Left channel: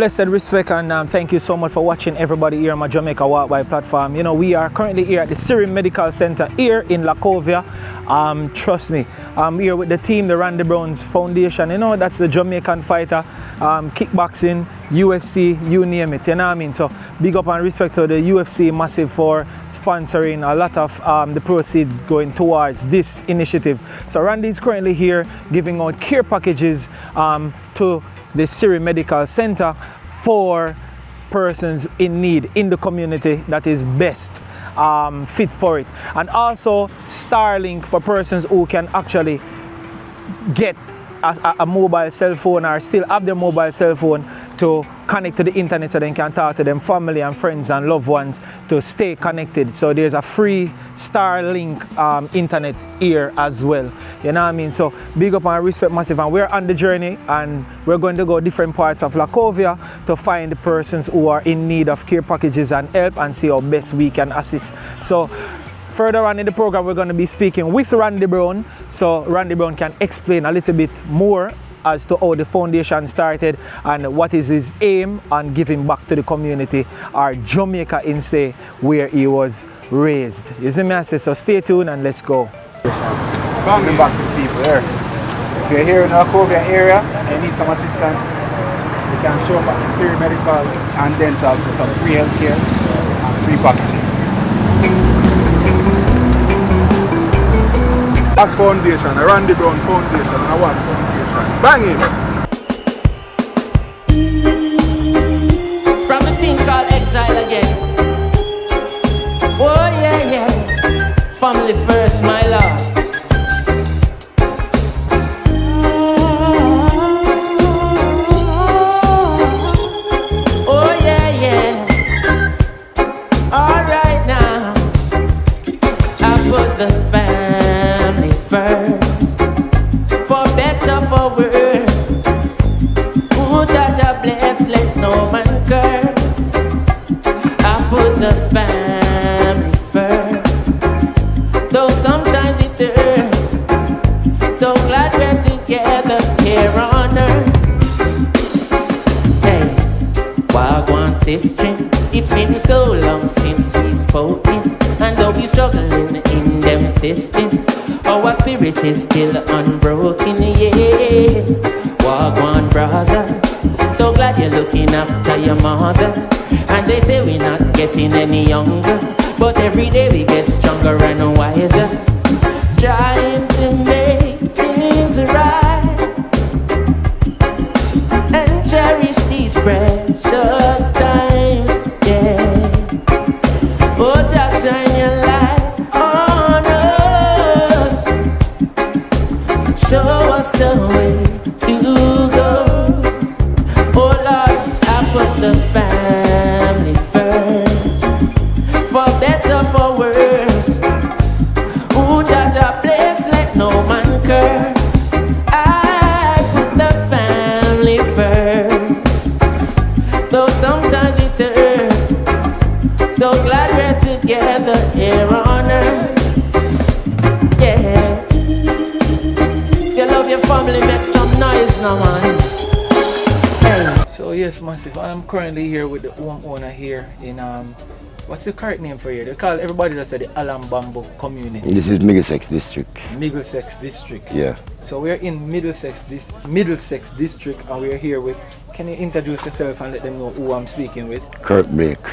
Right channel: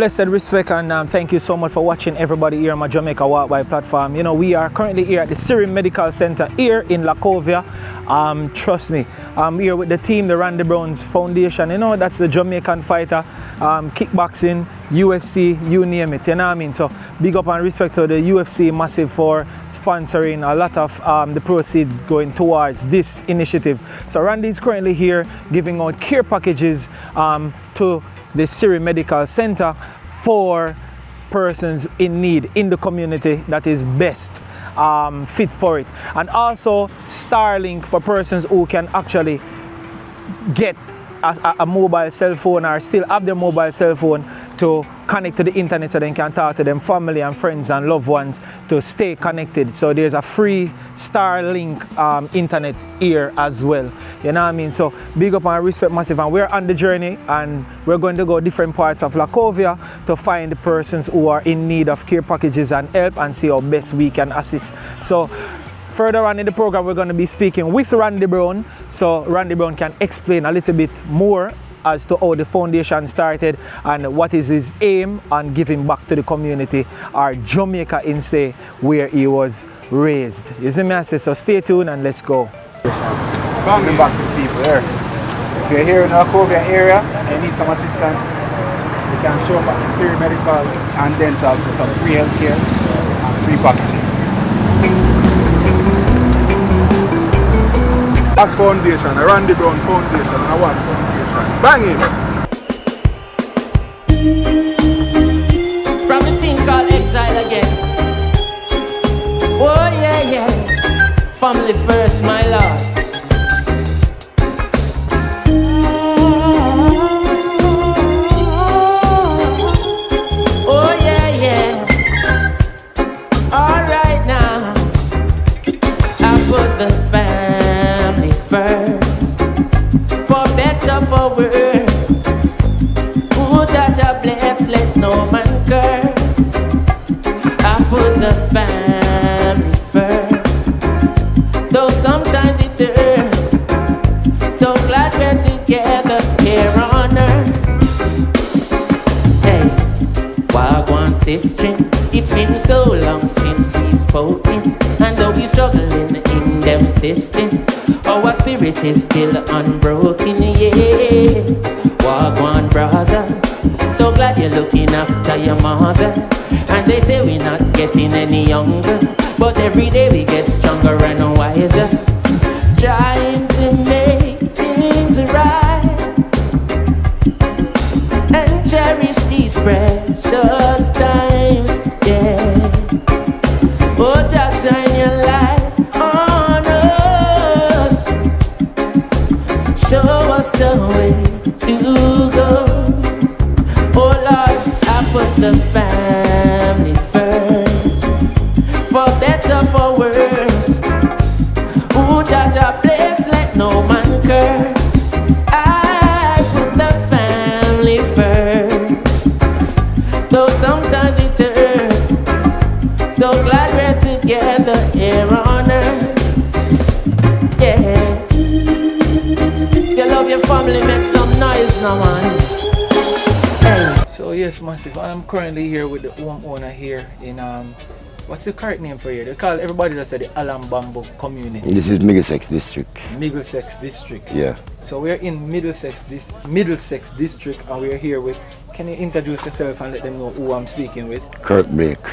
blessed respect and thank you so much for watching everybody here on my Jamaica Walk By platform. You know, we are currently here at the Syrian Medical Center here in Lacovia. Trust me, I'm here with the team, the Randy Browns Foundation. You know, that's the Jamaican fighter, kickboxing, UFC, you name it, you know what I mean? So big up and respect to the UFC Massive for sponsoring a lot of the proceeds going towards this initiative. So Randy is currently here giving out care packages to the Syrian Medical Center for persons in need in the community that is best fit for it. And also Starlink for persons who can actually get a mobile cell phone or still have their mobile cell phone to connect to the internet so they can talk to them family and friends and loved ones to stay connected. So there's a free Starlink internet here as well. You know what I mean? So big up and respect massive, and we're on the journey and we're going to go different parts of Lacovia to find the persons who are in need of care packages and help and see how best we can assist. So further on in the program, we're going to be speaking with Randy Brown, so Randy Brown can explain a little bit more as to how the foundation started and what is his aim on giving back to the community or Jamaica in say where he was raised. You see me, I say, so stay tuned and let's go. Giving back to the people here. If you're here in the Lacovia area and you need some assistance, you can show up at the Syrian Medical and Dental for some free healthcare and free packages. As Foundation, a Randy Brown Foundation, and a One Foundation. Bang it! From the thing called exile again. Oh yeah, yeah. Family first, my lord. Oh yeah, yeah. All right now. I put the family first, for better, for worse. Ooh, Jaja bless, let no man curse. I put the family first, though sometimes it hurts. So glad we're together here on earth. Hey, Wagwan sister, it's been so long since we've spoken, and though we struggling in them system, our spirit is still unbroken, yeah. Wagwan brother, so glad you're looking after your mother. And they say we're not getting any younger, but every day we get stronger and wiser, trying to make things right and cherish these precious times, yeah. Oh, just shine your light on us, show us the way to go. Oh Lord, I put the family first, for better, for worse. Ooh, Jaja bless, let no man curse. I put the family first, though sometimes it hurts. So glad we're together here on earth. Yeah. If you love your family, make some noise now, man. Hey. So yes, massive, I'm currently here with the home owner here in what's the correct name for here? They call everybody that's at the Alambambo community. This is Middlesex District. Middlesex District. Yeah. So we're in Middlesex District and we're here with, can you introduce yourself and let them know who I'm speaking with? Kurt Blake.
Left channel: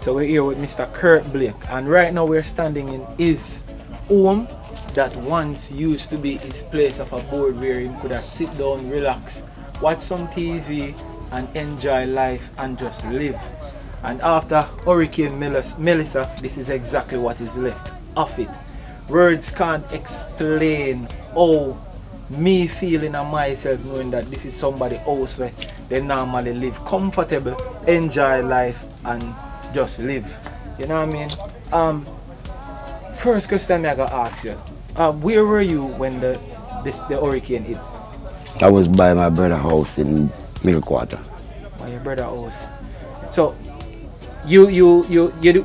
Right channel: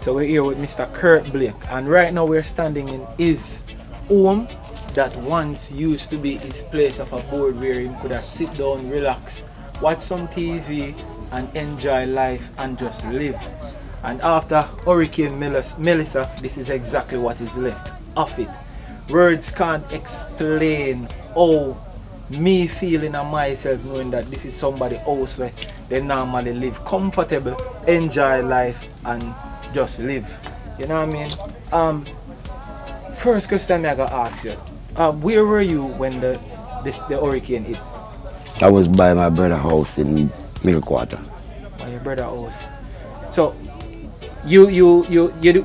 So we're here with Mr. Kurt Blake, and right now we're standing in his home that once used to be his place of abode where he could have sit down, relax, watch some TV and enjoy life and just live. And after Hurricane Melissa, this is exactly what is left of it. Words can't explain how me feeling and myself knowing that this is somebody else where they normally live comfortable, enjoy life and just live. You know what I mean? First question I gotta ask you, where were you when the hurricane hit? I was by my brother's house in Middle Quarter. By your brother's house. So you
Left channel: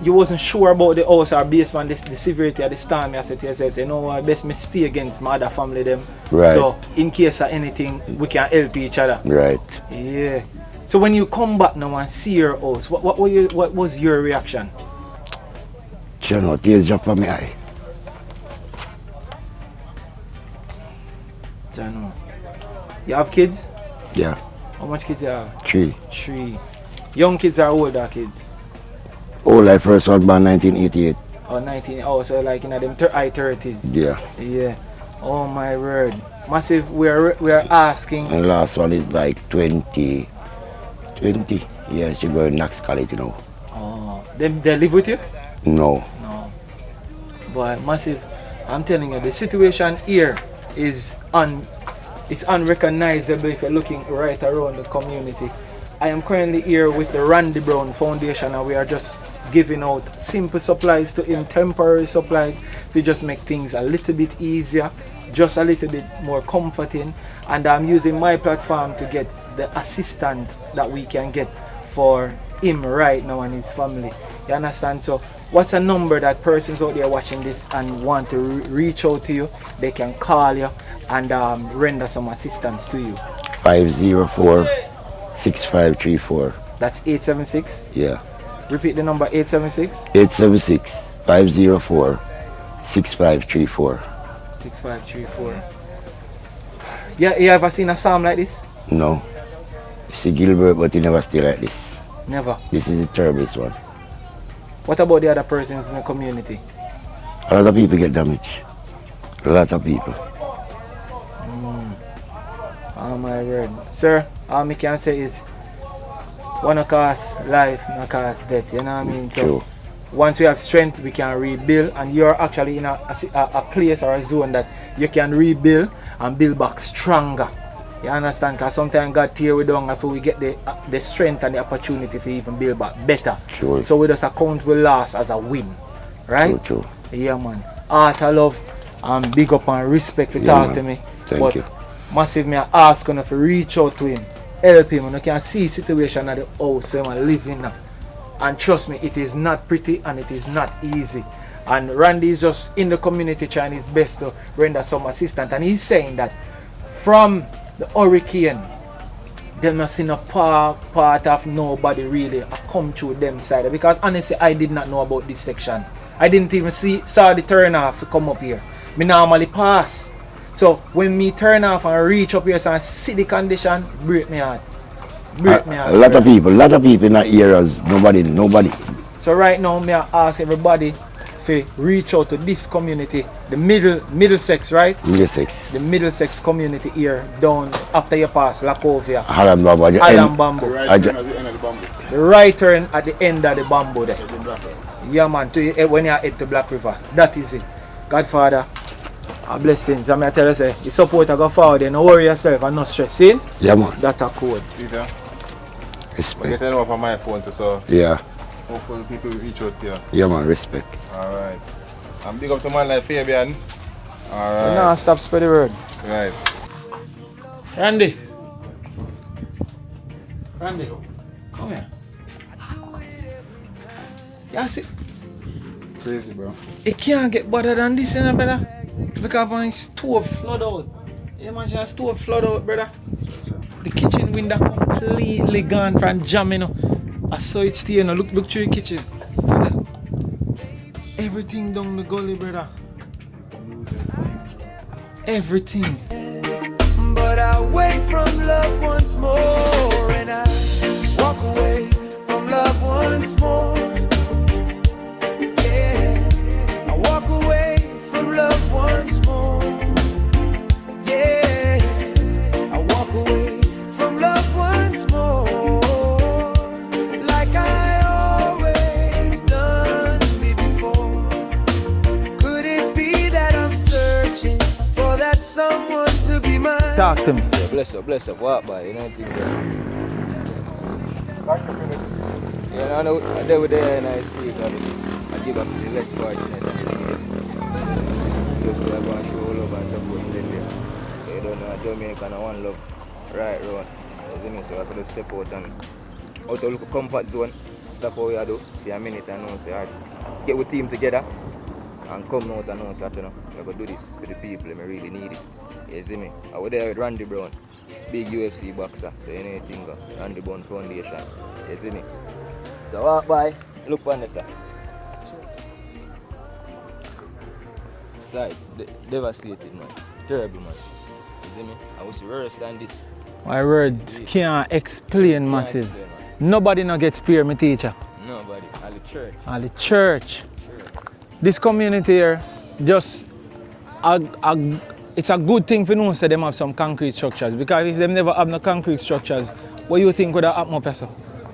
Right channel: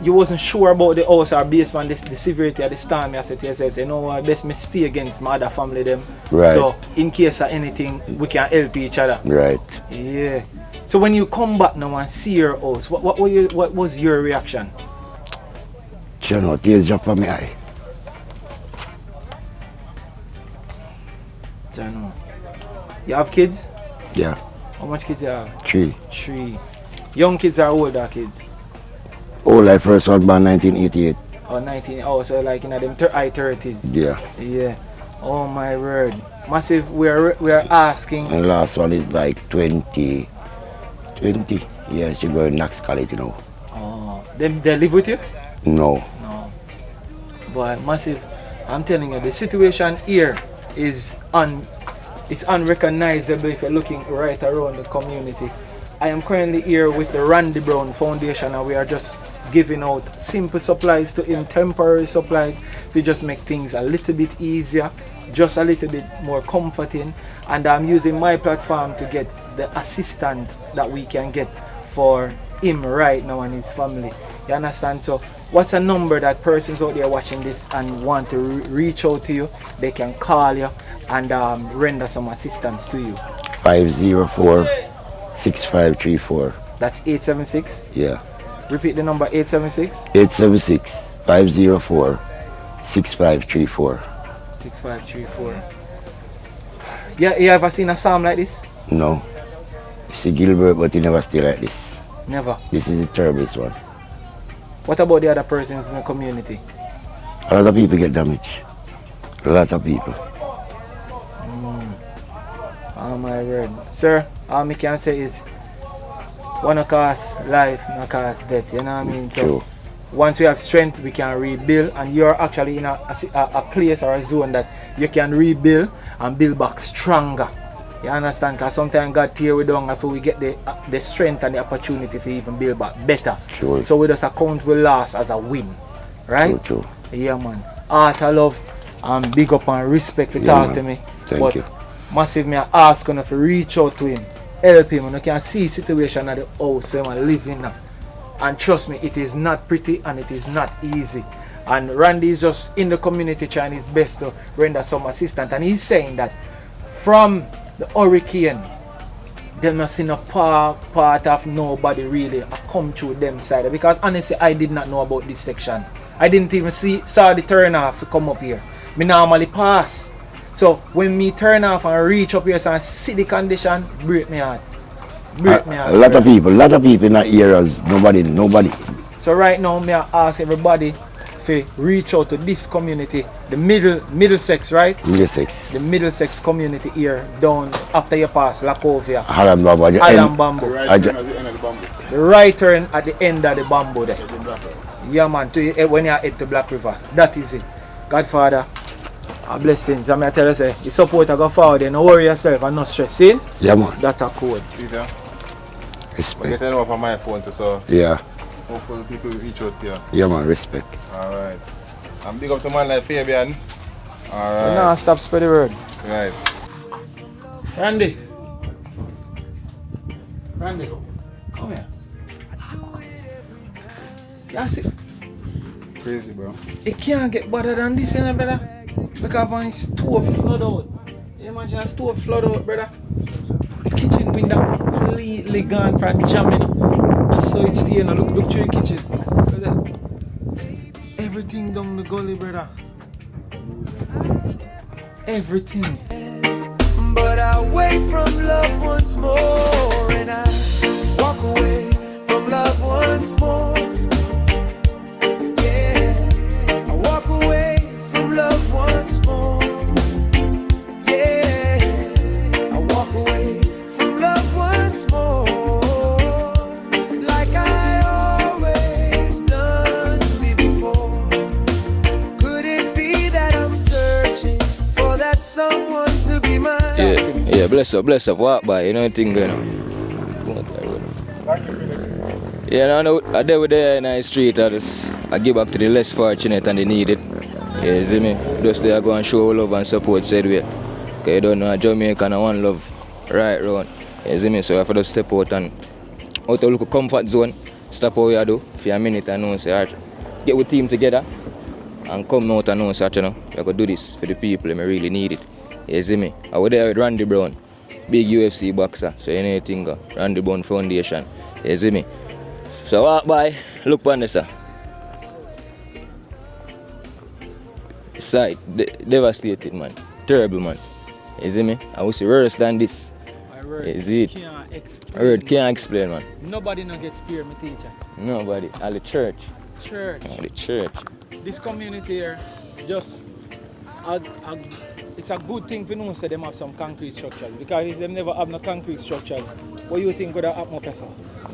wasn't sure about the house or based on the severity of the storm. You said to yourself, say, no, I best me stay against my other family them. Right. So in case of anything, we can help each other. Right. Yeah. So when you come back now and see your house, what was your reaction? You know, tears drop from my eye. Jano. You have kids? Yeah, How much kids you have? 3. 3. Young kids are older kids? Oh, like first one born 1988. Or 19? Oh, so like in them high 30s? Yeah. Yeah. Oh my word. Massive, we are asking. And last one is like 20. Yeah, she go to Knox College, you know. Oh, they live with you? No. No. But Massive, I'm telling you, the situation here is it's unrecognizable if you're looking right around the community. I am currently here with the Randy Brown Foundation, and we are just giving out simple supplies to him, temporary supplies to just make things a little bit easier, just a little bit more comforting. And I'm using my platform to get the assistance that we can get for him right now and his family. You understand? So what's a number that persons out there watching this and want to reach out to you, they can call you and render some assistance to you? 504-6534. That's 876. Yeah. Repeat the number, 876. 876-504-6534. 6534. Yeah, you ever seen a psalm like this? No. See Gilbert, but he never stay like this. Never. This is the terriblest one. What about the other persons in the community? A lot of people get damaged. A lot of people. Oh my word. Sir, all I can say is wanna cause life, not cause death, you know what I mean? So True. once we have strength, we can rebuild, and you're actually in a place or a zone that you can rebuild and build back stronger. You understand? Because sometimes God tear we down after we get the strength and the opportunity to even build back better. Sure. So we just account we loss as a win. Right? True. Yeah, man. Art, I love and big up and respect for Yeah, talk man. to me. Thank But you. Massive, me ask you to reach out to him, help him, and you can see situation at the house where I'm living now. And trust me, it is not pretty and it is not easy. And Randy is just in the community trying his best to render some assistance. And he's saying that from the hurricane, they not seen a part of nobody really come through them side. Because honestly, I did not know about this section. I didn't even saw the turn off to come up here. Me normally pass. So when me turn off and reach up here and see the condition, break me heart. Break me heart. A lot of people in that area, nobody. So right now, me ask everybody to reach out to this community, the Middlesex, right? Middlesex. The Middlesex community here, down after you pass Lacovia. Alan Bamboo. Alan Bamboo. Right turn at the end of the bamboo. The right turn at the end of the bamboo there. Yeah, man, when you head to Black River. That is it. Godfather, a blessings. I'm going to tell you, say, the support I go forward, don't worry yourself and not stressing. Yeah, man. That's a code. See that? I Respect. get them up on my phone too, so Yeah. hopefully people will reach out to you. Yeah, man. Respect. Alright. I'm big up to man like Fabian. Alright. No, stop spread the word. Right. Randy, come here. You see, Crazy, bro. it can't get better than this, you know, brother. Look at my stove flood out. You imagine a stove flood out, brother. The kitchen window completely gone from jamming up. I saw it stay, you know. Look through the kitchen. Look. Everything down the gully, brother. Everything. But I wait from love once more, and I walk away from love once more. Yeah, I walk away from love once more. Yeah, I walk away from love once more, like I always done before. Could it be that I'm searching for that someone to be mine? Talk to me. Yeah, bless up, walk by, you know the thing going. Yeah, I deal with there in the street, I give up to the less fortunate and the needy. Yeah, you see me? Just there go and show love and support said way. Cause you don't know Jamaica and one love right round. You see me? So I have to just step out and out of look comfort zone, stop what you do for a minute and know say, alright, get with team together and come out and know say, you know, I could do this for the people, I really need it. You see me? I was there with Randy Brown. big UFC boxer. So anything go, Randy Brown Foundation. You see me? So walk by, look on this. Sight, devastated man. Terrible man. You see me? I will see worse than this. My words Is it? can't explain, Can't massive. explain, man. Nobody not get spear, me teacher. Nobody. All the church. And the church. All the church. This community here, just it's a good thing for know say them have some concrete structures, because if them never have no concrete structures, what you think would have happened up here, sir?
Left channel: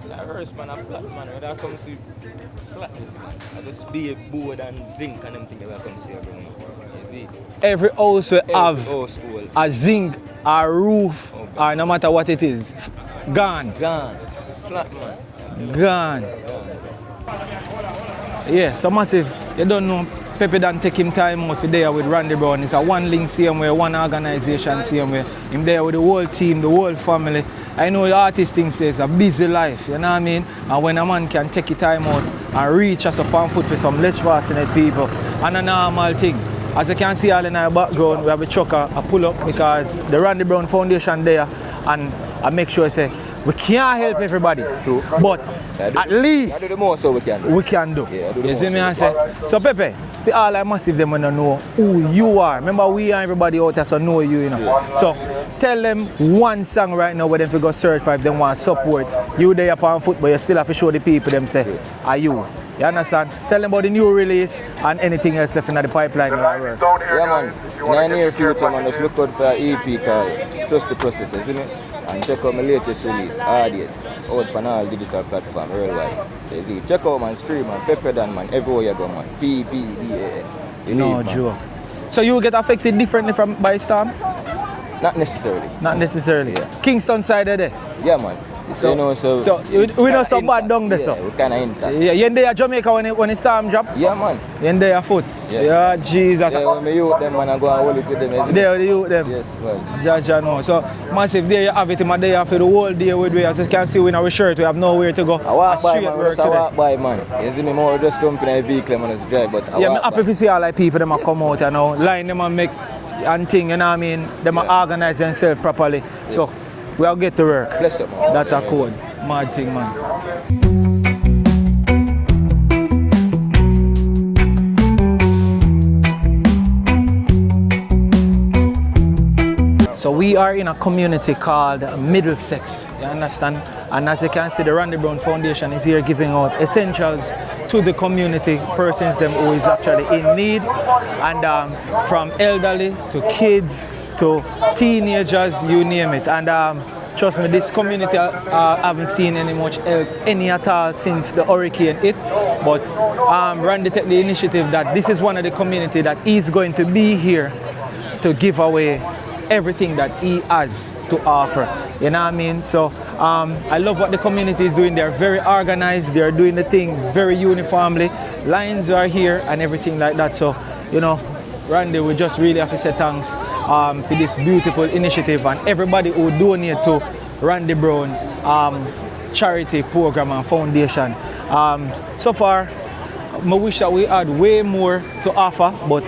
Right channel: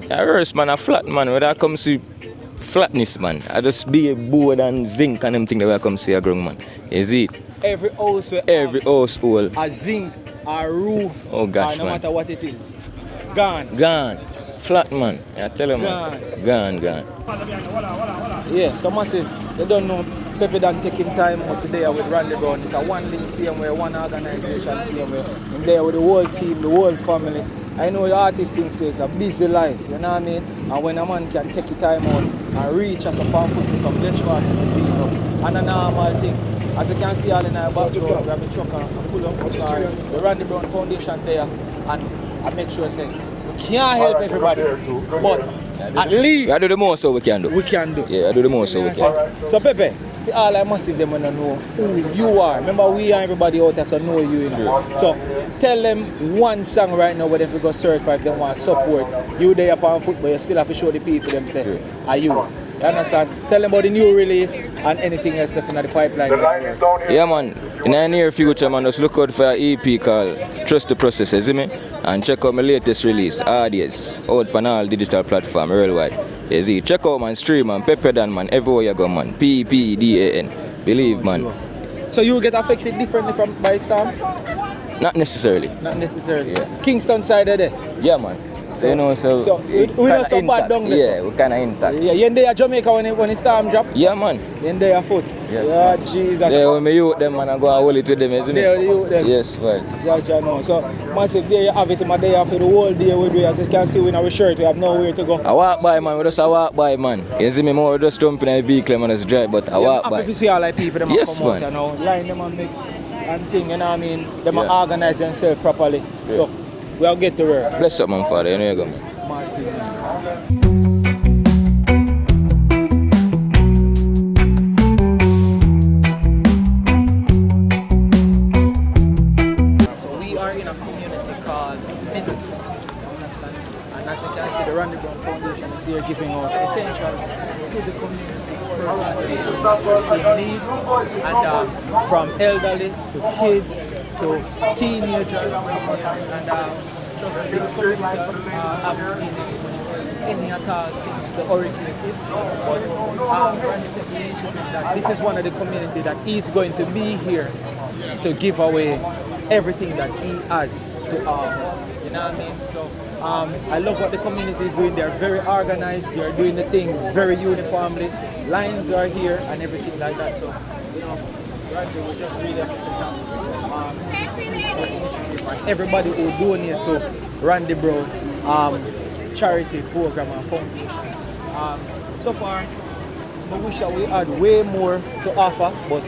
Yeah, worse man, a flat man. When I come see flatness, man, I just be a board and zinc and them thing that I come see a ground, man. You see it? Every house will Every have household. a zinc, a roof, Oh, gosh, or no man. matter what it is. Gone. Gone. Flat man. I tell you. Gone. Man. Gone. Yeah, so massive. You don't know, Pepe done take him time out today with Randy Brown. It's a one link same way, one organization same way. Him there with the whole team, the whole family. I know the artist thinks it's a busy life, you know what I mean? And when a man can take his time out and reach us up on foot for some less fortunate people, and a normal thing. As you can see all in our background, we have a trucker, a pull up, because the Randy Brown Foundation there, and I make sure I say, we can't help everybody, but at least I do the most so we can do. we can do. Yeah, I do the You most see me so I we say? So Pepe, for all our massive them wanna know who you are. Remember we and everybody out there so know you, you know. Yeah. So tell them one song right now where they go search for if they want support. You there upon foot, but you still have to show the people them say, Yeah. are you? You understand? Tell them about the new release and anything else left in the pipeline. Yeah, man. In the near future, man, just look out for an EP called Trust the Process, you see me? And check out my latest release, Audience, out on all digital platforms worldwide. You see, check out man, stream man, Pepper Dan man, everywhere you go man, PPDAN. Believe man. Joe. So you get affected differently from by storm? Not necessarily. Not necessarily. Yeah. Kingston side of there. Yeah, man. So, you know, so we not so bad down there, yeah, so. we kind of intact. Yeah, you in there Jamaica when the storm drop? Yeah, man. You in there foot? Yes, yeah, man. Jesus. Yeah, when me youth them, man, I go and hold it with them, you see me? There you them. Yes, right. Jaja know. So massive there you have it in my day for the whole day with we, as you can see in our shirt, we have nowhere to go. I walk by, man, we just Straight walk by, man. You see me more just jumping in the vehicle, man, just drive, but I yeah, I'm walk happy by. to see all the people them Yes, come man. out, you know, line them and make and thing, you know what I mean? Them Yeah. organize themselves properly. Yeah. So we'll get to work. Bless up, man, Father. That's a anyway. cool. Mad thing, man. So we are in a community called Middlesex, you understand? And as you can see, the Randy Brown Foundation is here giving out essentials to the community, persons them who is actually in need, and from elderly to kids to teenagers, you name it. And trust me, this community haven't seen any at all since the hurricane hit. But Randy took the initiative that this is one of the community that is going to be here to give away everything that he has to offer. You know what I mean? So I love what the community is doing. They're very organized. They're doing the thing very uniformly. Lines are here and everything like that. So, you know, Randy, we just really have to say thanks for this beautiful initiative and everybody who donate to Randy Brown charity program and foundation. So far, I wish that we had way more to offer, but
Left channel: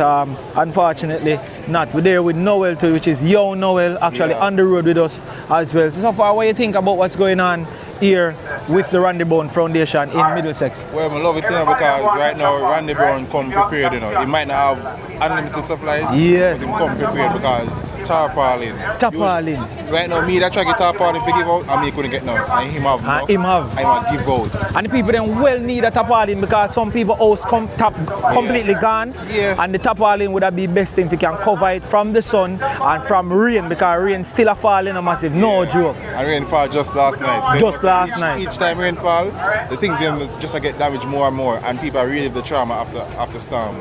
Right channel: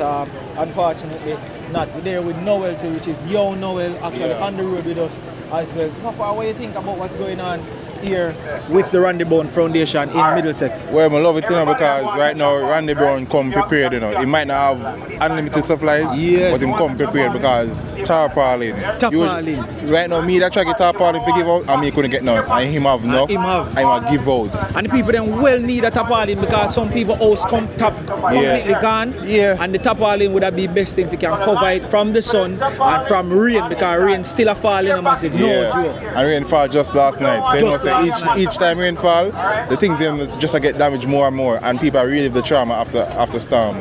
unfortunately not. We're there with Noel too, which is Yo Noel, actually on the road with us as well. So far, what do you think about what's going on here with the Randy Brown Foundation in Middlesex? Well, I love it, you know, because right now Randy Brown come prepared, you know. He might not have unlimited supplies, Yes. but he come prepared because tarpaulin. Tarpaulin. Right now, me that try to get tarpaulin to give out, and me couldn't get none. And him have enough. him have. I'm a give out. And the people then well need a tarpaulin because some people house completely gone. Yeah. And the tarpaulin would be best thing if you can cover it from the sun and from rain, because rain still a falling a massive. No Yeah. joke. And rainfall just last night. So Just you know, last night. each time rainfall, the things then just get damaged more and more, and people relive the trauma after storm.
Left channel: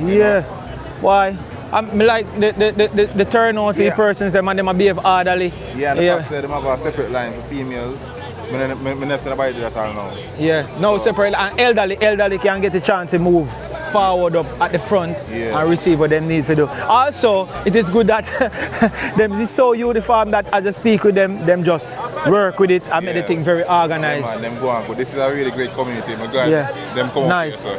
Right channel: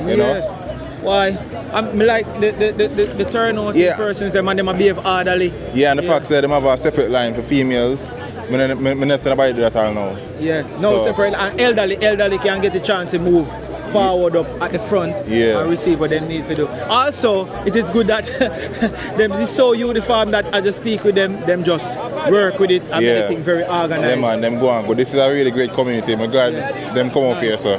You Yeah. know? Why? I'm like the turnout for Yeah. persons them and them behave orderly. Yeah, and the fact that they have a separate line for females. I don't see nobody do that all now. Yeah. No So- separate, and elderly can get a chance to move forward up at the front Yeah. and receive what they need to do. Also, it is good that them is so uniform that as I speak with them just work with it and Yeah. everything very Yeah, organized. man, them go on. But this is a really great community. My God, Yeah. them come up here, so.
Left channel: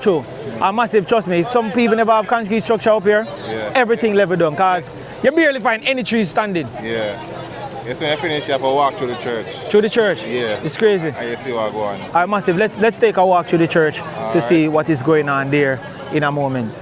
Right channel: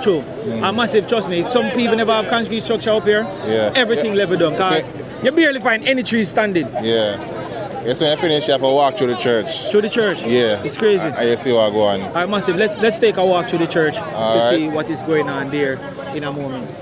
True. And massive, trust me, some people never have concrete structure up here. Yeah. Everything level done, because So- you barely find any trees standing. Yeah. Yes, when I finish, you have to walk through the church. Through the church? Yeah. It's crazy. And you see what go on. All right, Massive, let's take a walk through the church to see what is going on there in a moment.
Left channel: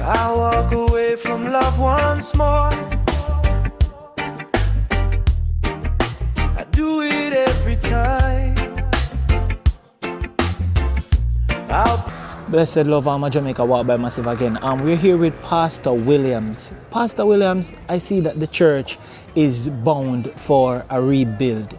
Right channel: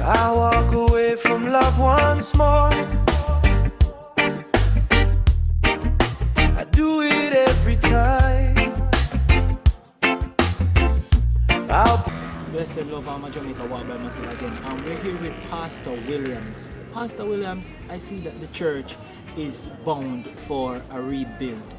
I walk away from love once more. I do it every time. Blessed love, I'm Jamaica Walk by Massive again. We're here with Pastor Williams. Pastor Williams, I see that the church is bound for a rebuild.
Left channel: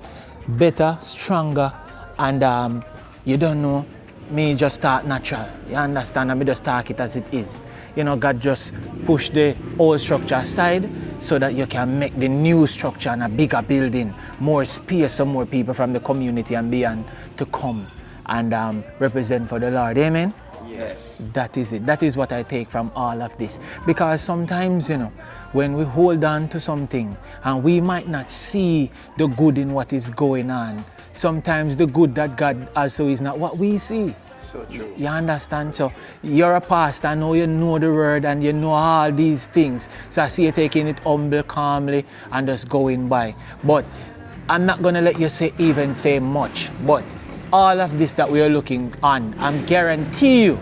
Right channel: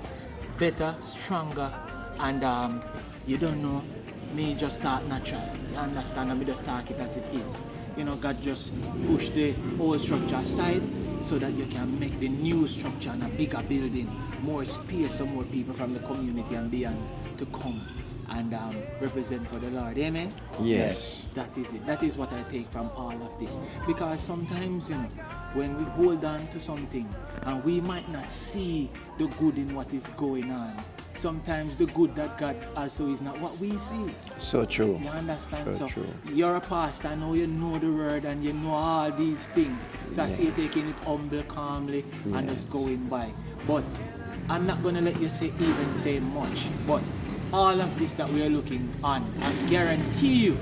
Better, stronger, and you don't know, me just start natural. You understand? And me just talk it as it is. You know, God just push the old structure aside so that you can make the new structure and a bigger building, more space for more people from the community and beyond to come and represent for the Lord. Amen? Yes. That is it. That is what I take from all of this. Because sometimes, you know, when we hold on to something and we might not see the good in what is going on, sometimes the good that God also is not what we see. So true. You understand? So So true. you're a pastor, I know you know the word and you know all these things. So I see you taking it humble, calmly, and just going by. But I'm not gonna let you even say much. But all of this that we are looking on, I'm guarantee you,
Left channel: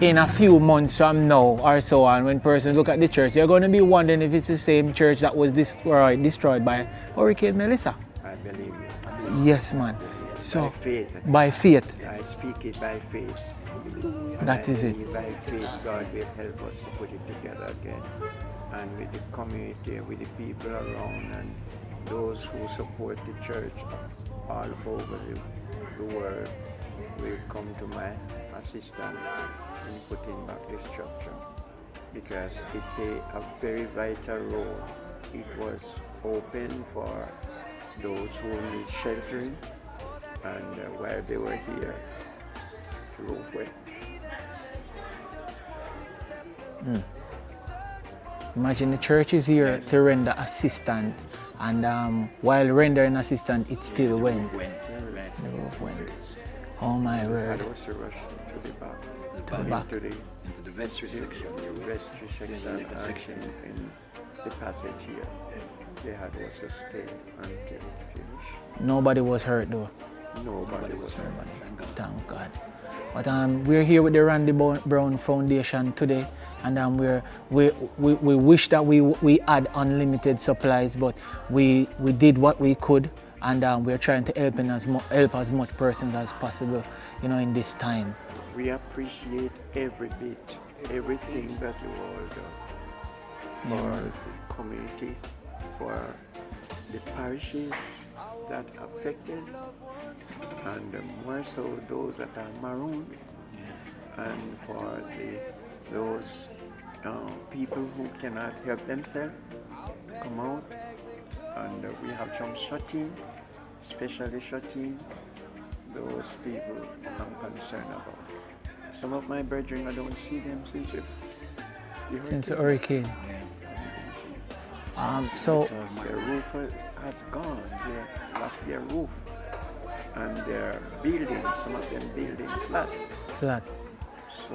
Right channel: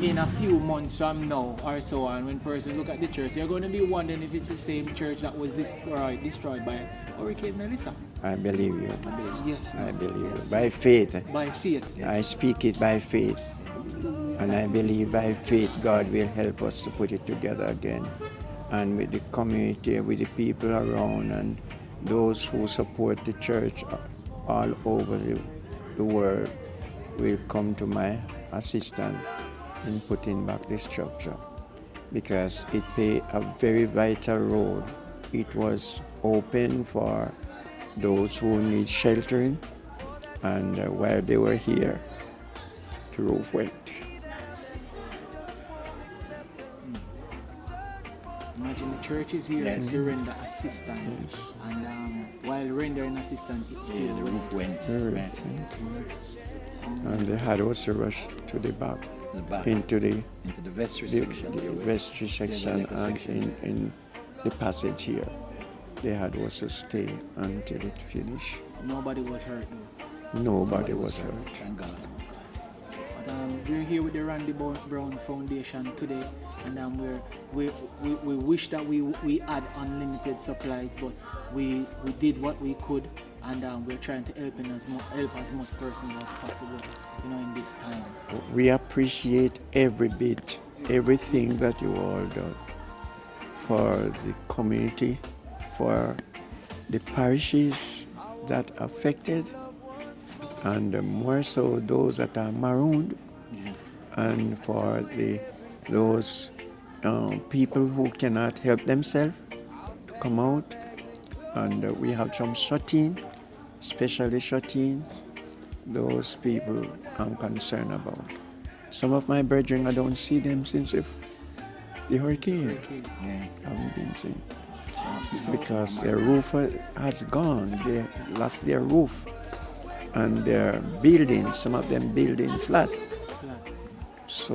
in a few months from now or so on, when persons look at the church, you're gonna be wondering if it's the same church that was destroyed by Hurricane Melissa. I believe you. Yes, man. By faith. By faith. I speak it by faith. And That I is it. believe by faith God will help us to put it together again. And with the community, with the people around, and those who support the church all over the world will come to my assistance in putting back the structure, because it played a very vital role. It was open for those who need sheltering, and while they were here, the roof went. Imagine the church is here to render assistance, and while rendering assistance, it still went. Oh my And they word. had also rushed to the back, into the vestry section and in the passage here. They had also stayed until it finished. Nobody was hurt though. Nobody was hurt. Thank God. But we're here with the Randy Brown Foundation today, and we wish that we had unlimited supplies, but we did what we could, and we're trying to help as much persons as possible, you know, in this time. We appreciate every bit, everything that you all do for the community, for the parishes that are affected, and more so those that are marooned, and for those people who cannot help themselves come out. And we have some shut-in, especially shut-in. Those people I'm concerned about. Some of my brethren, I don't see them since the hurricane. Since the hurricane. Haven't been seen. So Because their roof has gone. They lost their roof. And their buildings, some of them building flat. So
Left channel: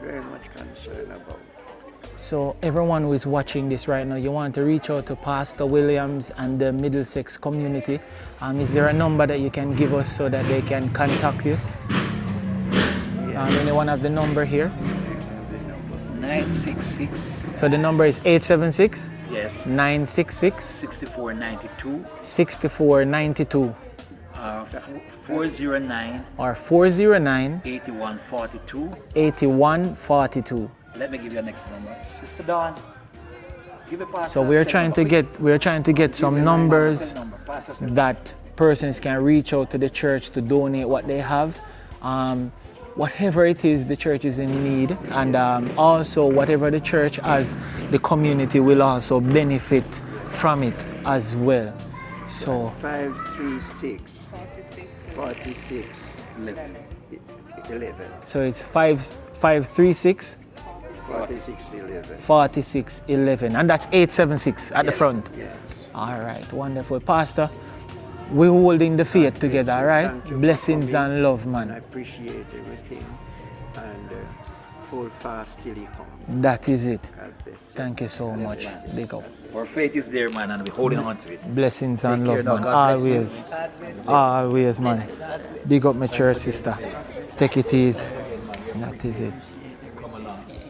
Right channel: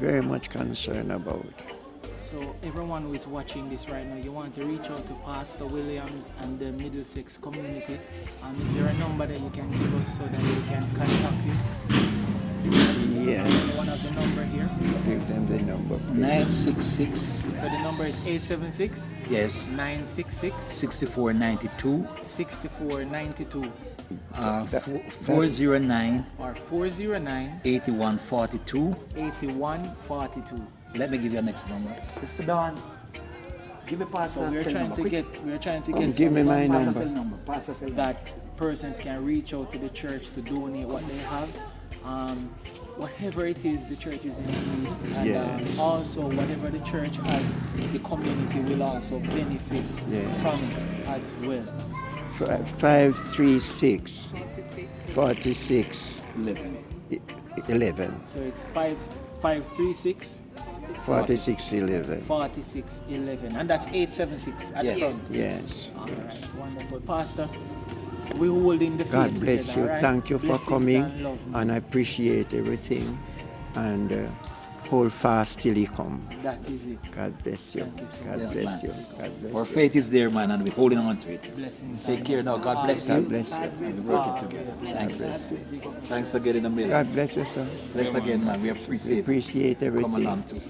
very much concerned about. So everyone who is watching this right now, you want to reach out to Pastor Williams and the Middlesex community. Is there a number that you can give us so that they can contact you? Yes. Anyone have the number here? Give them the number. 966. So the number is 876 Yes. 966 6492. 6492 409 or 409 8142. 8142. Let me give you the next number. Sister Dawn, give me pass. So we're trying to get some numbers that persons can reach out to the church to donate what they have. Whatever it is the church is in need, and also whatever the church as the community will also benefit from it as well. So 536 46 11. So it's 536 46 11. 46 11, and that's 876 at the front. Yes. All right, wonderful, Pastor. We're holding the faith God bless together, you. right? Thank you for Blessings coming, and love, and I man. appreciate everything. And hold fast till he comes. That is it. God bless you. Thank you so God much. bless you. Big up. God bless Our you. faith is there, man, and we're holding on to it. Blessings Take and care love, now. man. God bless you. Always, always, man. Big up my church sister. God bless you. Take it easy. Once again, man, we Appreciate come everything. along to you.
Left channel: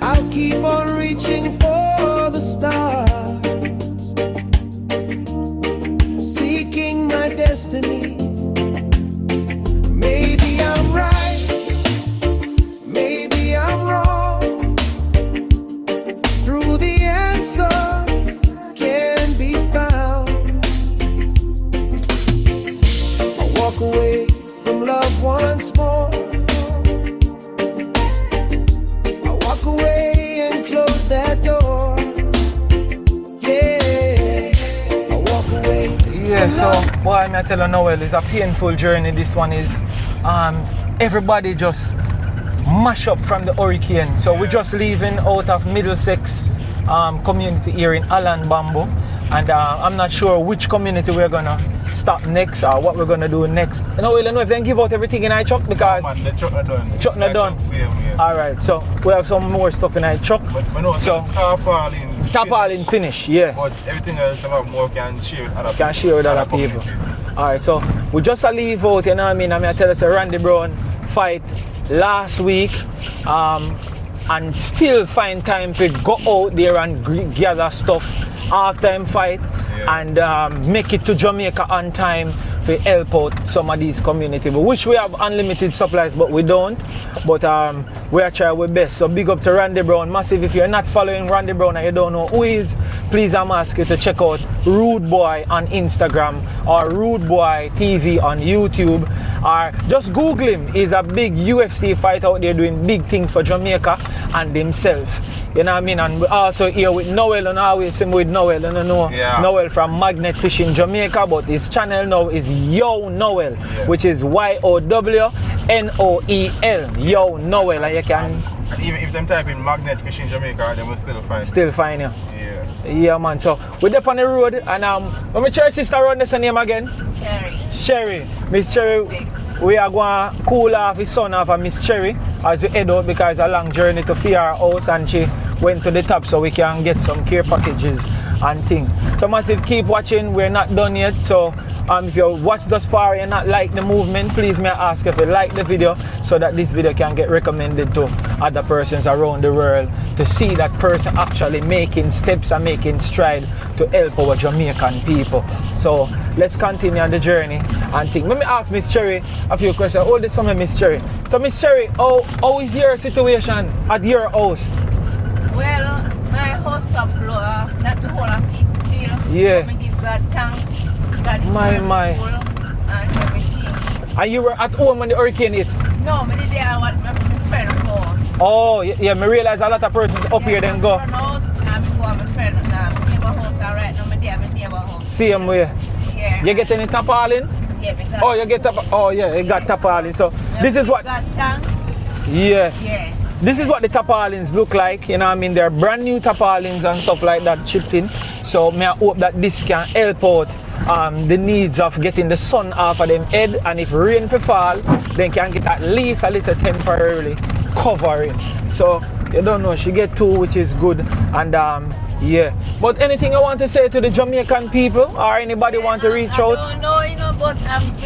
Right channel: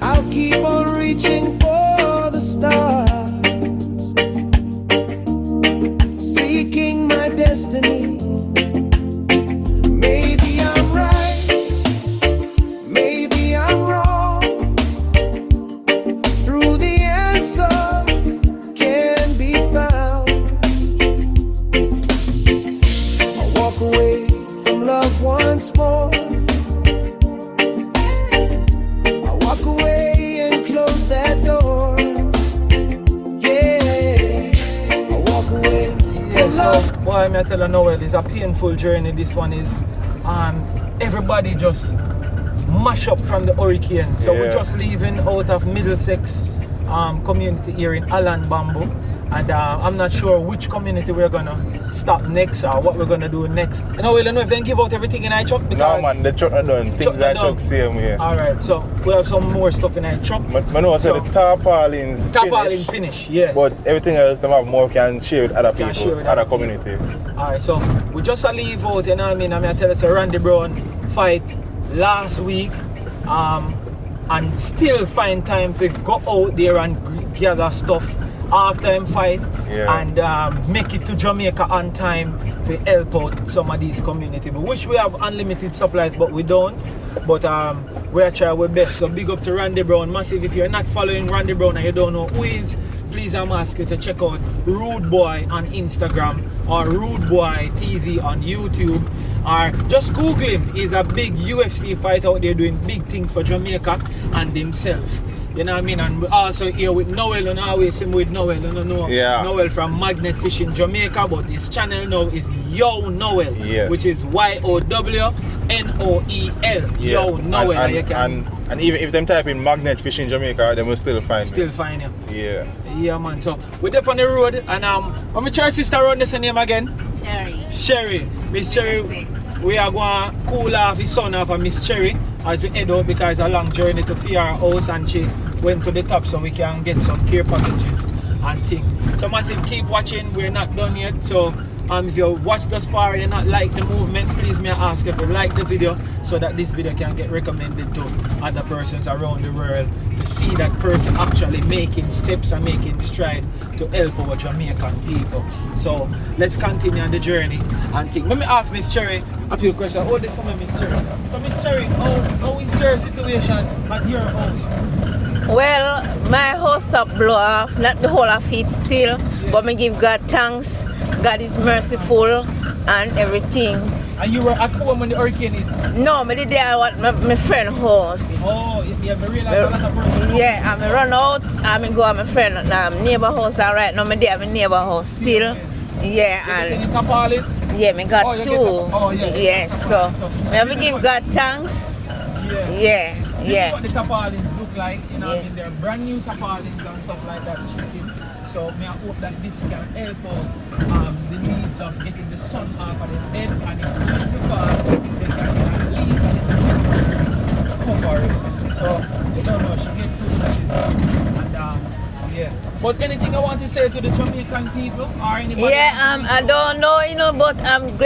I'll keep on reaching for the stars, seeking my destiny. Maybe I'm right, maybe I'm wrong. Through the answer can be found. I walk away from love once more. I walk away and close that door. Yeah, I walk away Yeah, from so love. why I tell you Noel, it's a painful journey. This one is everybody just mash up from the hurricane. So we're just leaving out of Middlesex community here in Allen Bamboo, and I'm not sure which community we're gonna stop next or what we're gonna do next. No, we don't know if they give out everything in our truck because No man, the truck not done. Truck not done. Same way. Alright, so we have some more stuff in our truck. But no, so the tarpaulins Finish, yeah. But everything else they have more can share with other people. Can share with other people. community. Alright, so we just leave out, you know what I mean? I tell you, Randy Brown fight last week, and still find time to go out there and gather stuff after him fight, and make it to Jamaica on time to help out some of these communities. We wish we have unlimited supplies, but we don't. But we are trying our best. So big up to Randy Brown. Massive. If you're not following Randy Brown and you don't know who he is, please I'm asking you to check out Rude Boy on Instagram or Rude Boy TV on YouTube. Or just Google him. He's a big UFC fighter out there doing big things for Jamaica and himself. You know what I mean? And we're also here with Noel, and always same with Noel. You know, Noel from Magnet Fishing Jamaica, but his channel now is Yo Noel, which is YOWNOEL. Yo Noel. And even if them type in Magnet Fishing Jamaica, they will still find you. Yeah. Yeah, man. So we're up on the road, and when my church sister run this name again? Sherry. Miss Cherry. We are going to cool off the son of Miss Cherry as we head out because it's a long journey to feed our house, and she went to the top so we can get some care packages and things. So Massive, keep watching. We're not done yet. So if you watched thus far and not like the movement, please may I ask if you like the video so that this video can get recommended to other persons around the world to see that person actually making steps and making stride to help our Jamaican people. So let's continue on the journey and think. Let me ask Miss Cherry a few questions. Hold this for me, Miss Cherry. So Miss Cherry, how is your situation at your house? Well, my house stop blow off, not the whole of it still, but me give God thanks. God is merciful and everything. And you were at home when the hurricane hit? No, I did there at my friend's house. Oh, yeah, I realize a lot of persons up here then go. Run out, I go at my friend neighbor house, and right now I'm there at my neighbor house. Same way? Yeah. You get any tarpaulin? Yeah, me got two. You got tarpaulin. So this is what God thanks. Yeah. This is what the tarpaulins look like, you know what I mean? They're brand new tarpaulins and stuff like that chipped in. So may I hope that this can help out the needs of getting the sun off of them head, and if rain to fall, they can get at least a little temporarily covering. So you don't know, she get two, which is good. And yeah. But anything I want to say to the Jamaican people or anybody want to reach out? I don't know, but I'm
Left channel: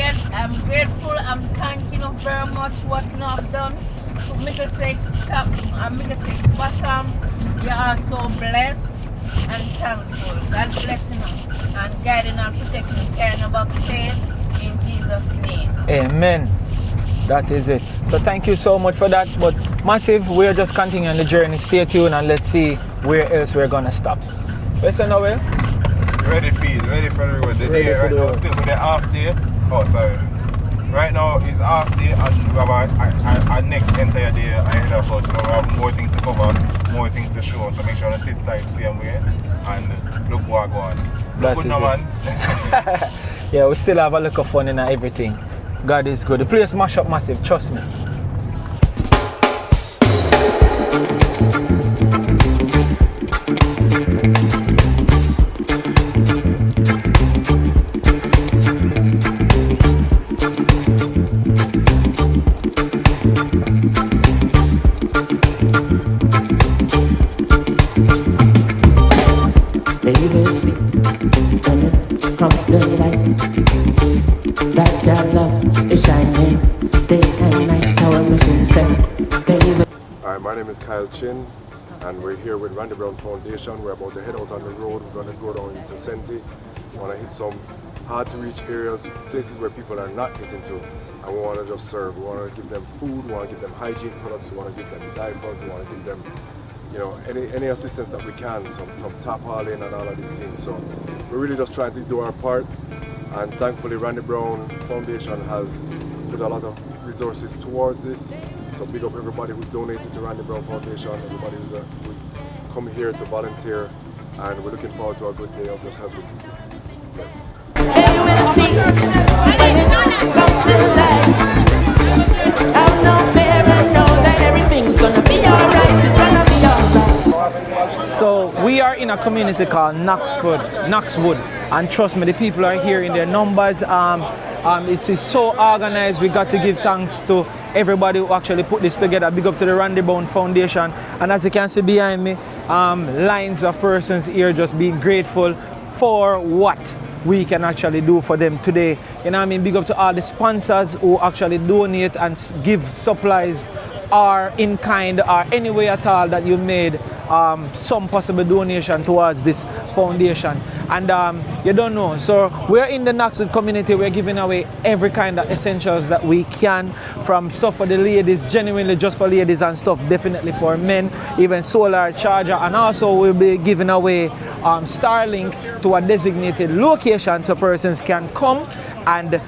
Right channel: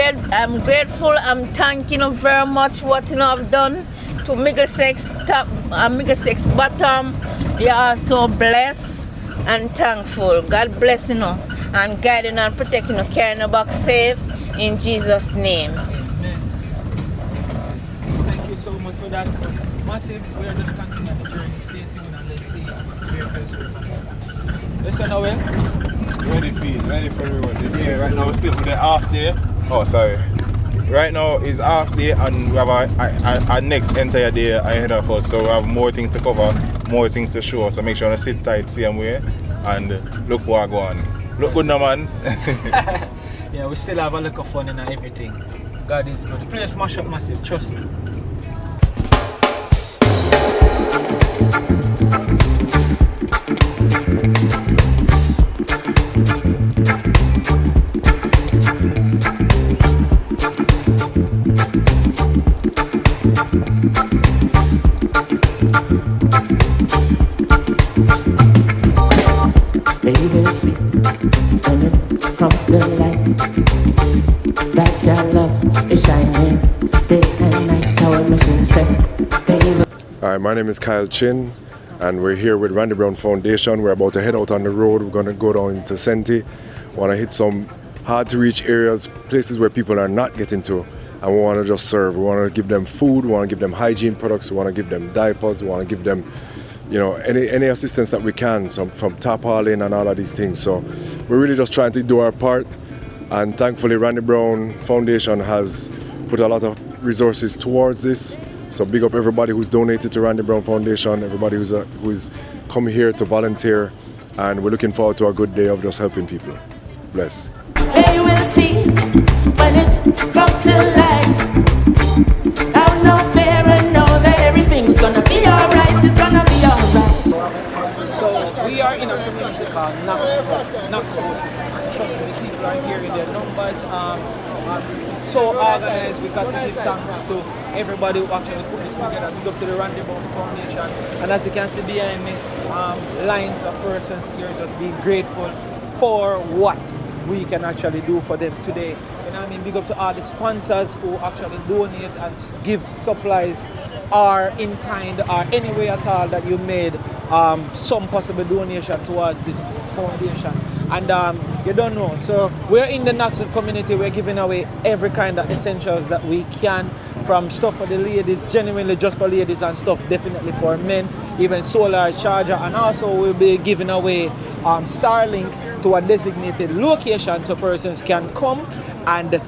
grateful. I'm thanking you very much what I've done to Middlesex top and Middlesex bottom. You are so blessed and thankful. God bless you and guiding and protecting you, carrying you back safe in Jesus' name. Amen. That is it. So thank you so much for that. But Massive, we're just continuing the journey. Stay tuned and let's see where else we're gonna stop. Listen, Noel. Ready for everyone. The day right now still for the half day. Oh, sorry. Right now is half day and we have our next entire day ahead of us. So we have more things to cover, more things to show. So make sure you sit tight, same way. and look what go on. Look good now, man. Yeah, we still have a look of fun in everything. God is good. The place mash up massive, trust me. Baby, see, when it comes to light, that your love is shining day and night. Our mission set, baby. Hi, my name is Kyle Chin, and we're here with Randy Brown Foundation. We're about to head out on the road. We're going to go down into Senti. We want to hit some hard-to-reach areas, places where people are not getting to, and we want to just serve. We want to give them food. We want to give them hygiene products. We want to give them diapers. We want to give them, you know, any assistance that we can, so from tarpaulin and all of these things. So we're really just trying to do our part, and thankfully Randy Brown Foundation has put a lot of resources towards this. So big up everybody who's donated to Randy Brown Foundation, everybody who's come here to volunteer, and we're looking forward to a good day of just helping people. Bless. Hey, we'll see when it comes to life. Have no fear and know that everything's gonna be alright. It's gonna be alright. So we are in a community called Knoxwood, and trust me, the people are here in their numbers. It is so organized. We got to give thanks to everybody who actually put this together. Big up to the Randy Brown Foundation, and as you can see behind me, lines of persons here just being grateful for what we can actually do for them today. You know what I mean? Big up to all the sponsors who actually donate and give supplies or in kind or any way at all that you made some possible donation towards this foundation. And you don't know, so we're in the Knoxwood community. We're giving away every kind of essentials that we can, from stuff for the ladies, genuinely just for ladies, and stuff definitely for men, even solar charger, and also we'll be giving away Starlink to a designated location so persons can come and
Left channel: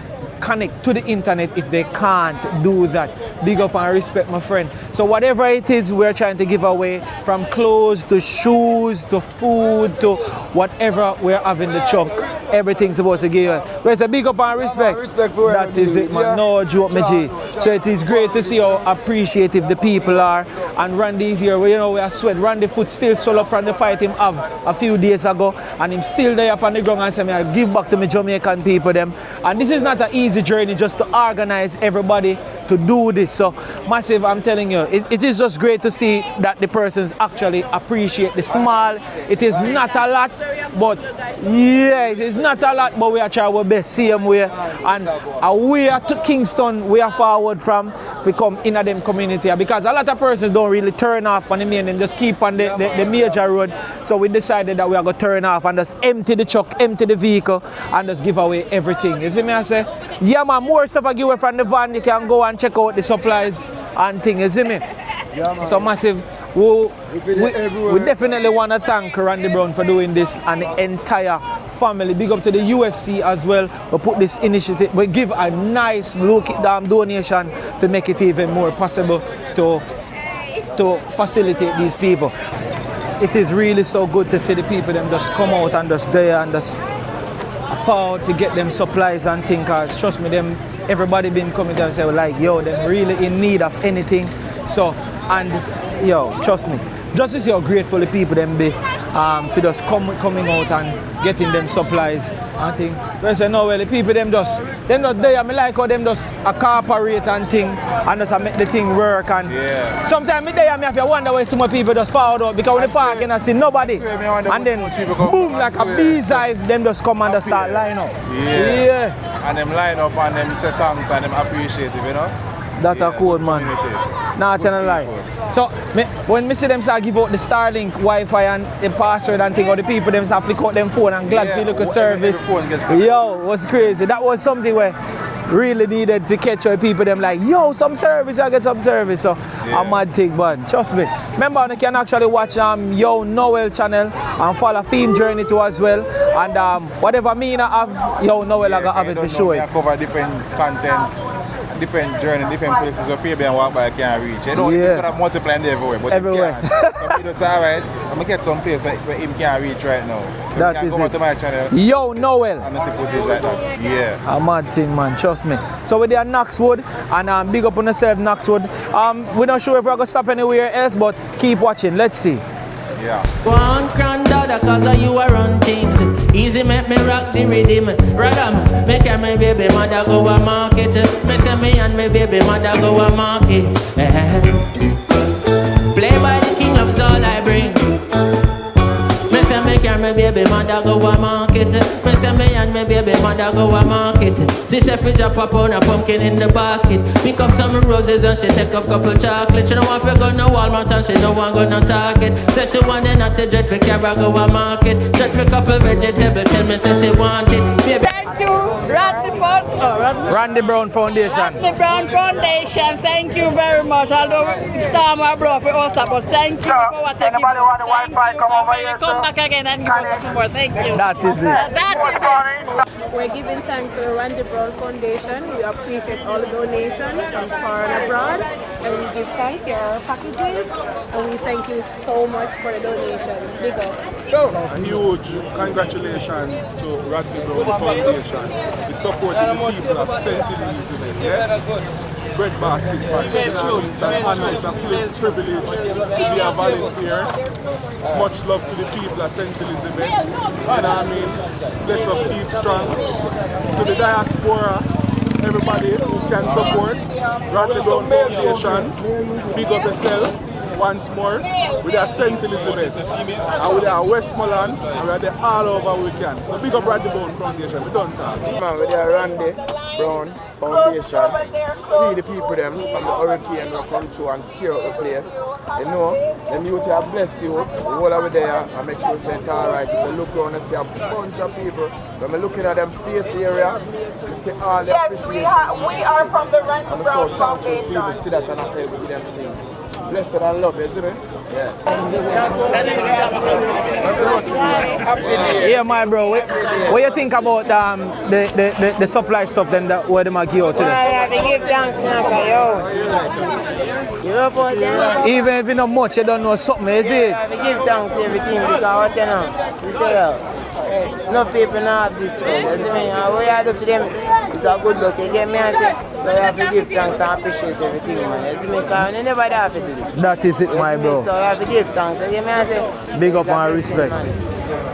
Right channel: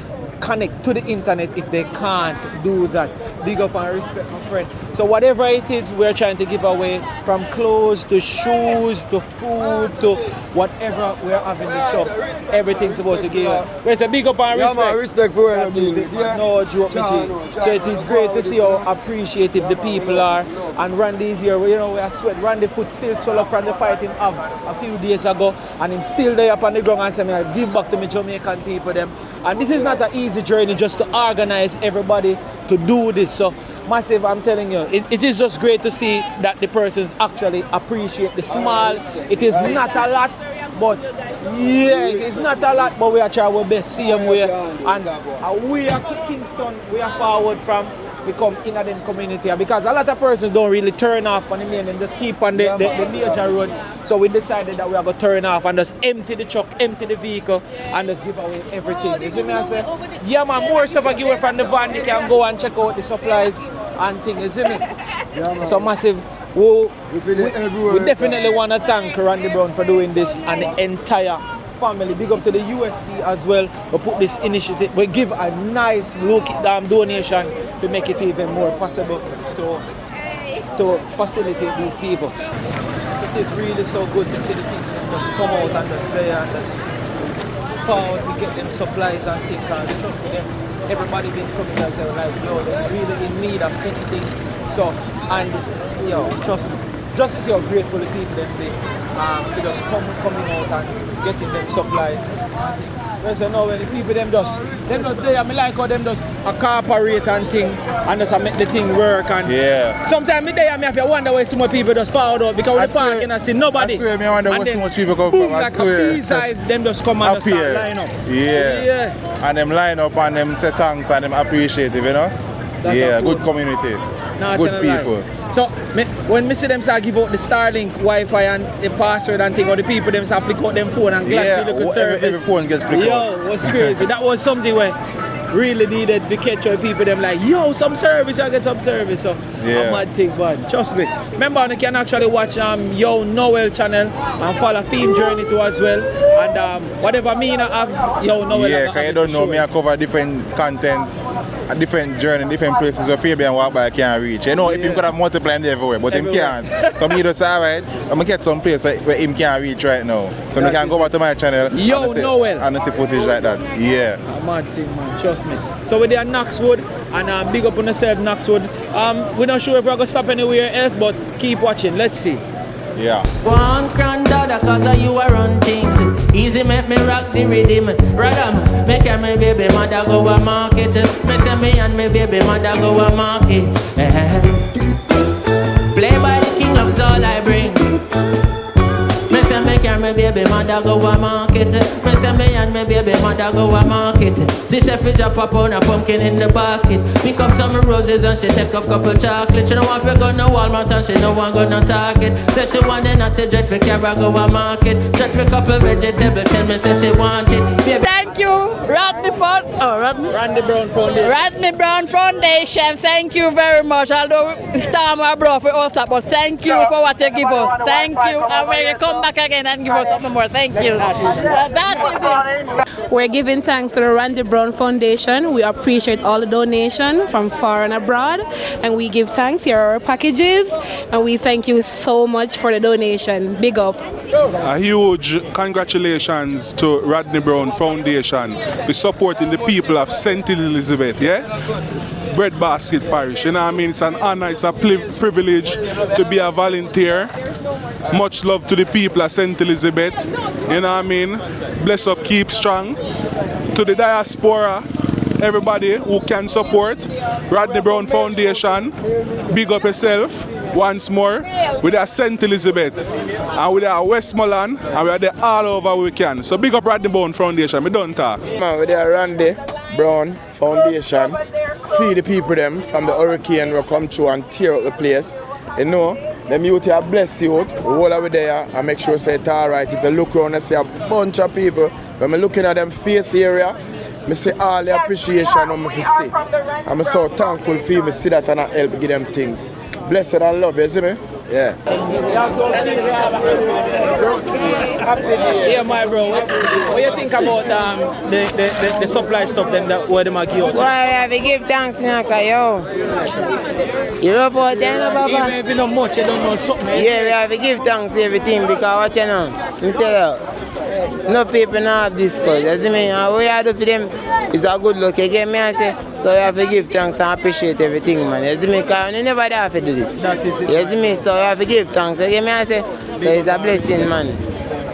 connect to the internet if they can't do that. Big up and respect, my friend. So whatever it is we're trying to give away, from clothes to shoes to food to whatever we're having the truck, everything's supposed to give away. Where's a big up and respect? Yeah, man, respect for that is it, man. No joke, my G. So it is great to see how appreciative the people are. And Randy's here. You know, we are sweat. Randy foot still swell up from the fight him have a few days ago, and him still there up on the ground and say, I give back to my Jamaican people them. And this is not an easy journey just to organize everybody to do this. So massive, I'm telling you, it is just great to see that the persons actually appreciate the small. It is not a lot, but yeah, it is not a lot, but we are trying our best same way. And we are to Kingston, we are forward from to come in a them community, because a lot of persons don't really turn off on the main and just keep on the major road. So we decided that we are going to turn off and just empty the truck, empty the vehicle, and just give away everything. You see me, I say, yeah man, more stuff I give away from the van. You can go and check out the supplies and things, you see me? Yeah, man. So massive, we definitely want to thank Randy Brown for doing this, and the entire family. Big up to the UFC as well. We put this initiative, we give a nice donation to make it even more possible to facilitate these people. It is really so good to see the people them just come out and just there and just forward to get them supplies and things. Cause trust me, them everybody been coming and say like, yo, they're really in need of anything. So, and yo, trust me, just to see how grateful the people them be to just coming out and getting them supplies and things. When I say no, well, the people them not there. I like how them just cooperate and thing and just make the thing work. And yeah. Sometimes me there, I have to wonder why so much people just fall out, because when they park and I see nobody. I swear, me wonder why so much people come boom, like a beehive, them just come and just start line up. Yeah. And them line up and them say thanks and them appreciate it, you know? That's a cool good community. Not good people. So when me see them start give out the Starlink Wi-Fi and the password and thing, or the people them start flick out them phone and glad to look a service. Every phone get flicked out. Yo, was crazy. That was something where really needed to catch our people them like, yo, some service, I get some service. So a mad thing, man. Trust me. Remember, you can actually watch Yo Noel channel and follow Theme Journey too as well. And whatever me I have, Yo Noel I have you don't know, me I cover different content. a different journey, different places where Fabian walk by can't reach. You know, people could have multiplied everywhere, but him can't. So me just say, alright, I'm gonna get some place where him can't reach right now. So I can go back to my channel and see footage like that. Yeah. A mad thing, man, trust me. So we're there at Knoxwood, and big up on yourself, Knoxwood. We're not sure if we're gonna stop anywhere else, but keep watching. Let's see. Yeah. One granddaughter, cause of you I run things. Easy make me rock the rhythm. Radam, make my baby mother go a market. Me say me and my baby mother go a market. Play by the king love's all I bring. Me say me and my baby mother go a market. Me say me and my baby mother go a market. See chef is drop a pound of pumpkin in the basket. Pick up some roses and she take up couple chocolate. She don't want to go no Walmart and she don't want to go no Target. Say she want it not to dread for carry go a market. Stretch for couple vegetable, tell me say she want it. Baby. Thank you, Randy Brown Foundation. Randy Brown Foundation, thank you very much. Although Storm our bro for us, but thank you for what you give us. Thank you. And we'll come back again and give us something more. Thank you. We're giving thanks to the Randy Brown Foundation. We appreciate all the donations from far and abroad, and we give thanks to your packages, and we thank you so much for the donation. Big up. A huge congratulations to Rodney Brown Foundation for supporting the people of St. Elizabeth, yeah? Breadbasket Parish, you know what I mean? It's an honor, it's a privilege to be a volunteer. Much love to the people of St. Elizabeth, you know what I mean? Bless up, keep strong. To the diaspora, everybody who can support Rodney Brown Foundation, big up yourself. Once more, with our St. Elizabeth, and with our Westmoreland, and we are there all over we can. So big up Randy Brown Foundation, we don't talk. Man, with our Randy Brown Foundation, feed the people them from the hurricane will come through and tear up the place. You know, them youth are blessed youth, all over there and make sure say it's alright. If you look around and see a bunch of people, when I'm looking at them face area, I see all the appreciation I'm see. I'm so thankful for you to see that and help give them things. Blessed and love, you see me? Yeah. Yeah, my bro. What you think about the supply stuff then where they might give out today? I have to give thanks now, yo. You know about that? Even if you know much, you don't know something, is yeah, it? you have to give thanks to everything because what you know, you tell you, no people now have this cause, you see me? And what you have to do for them is a good luck, you get me? And say, so you have to give thanks and appreciate everything, man, you see me? Because you never have to do this. That is it, you my see me? bro. So you have to give thanks, you get me? And say, so it's a blessing, man.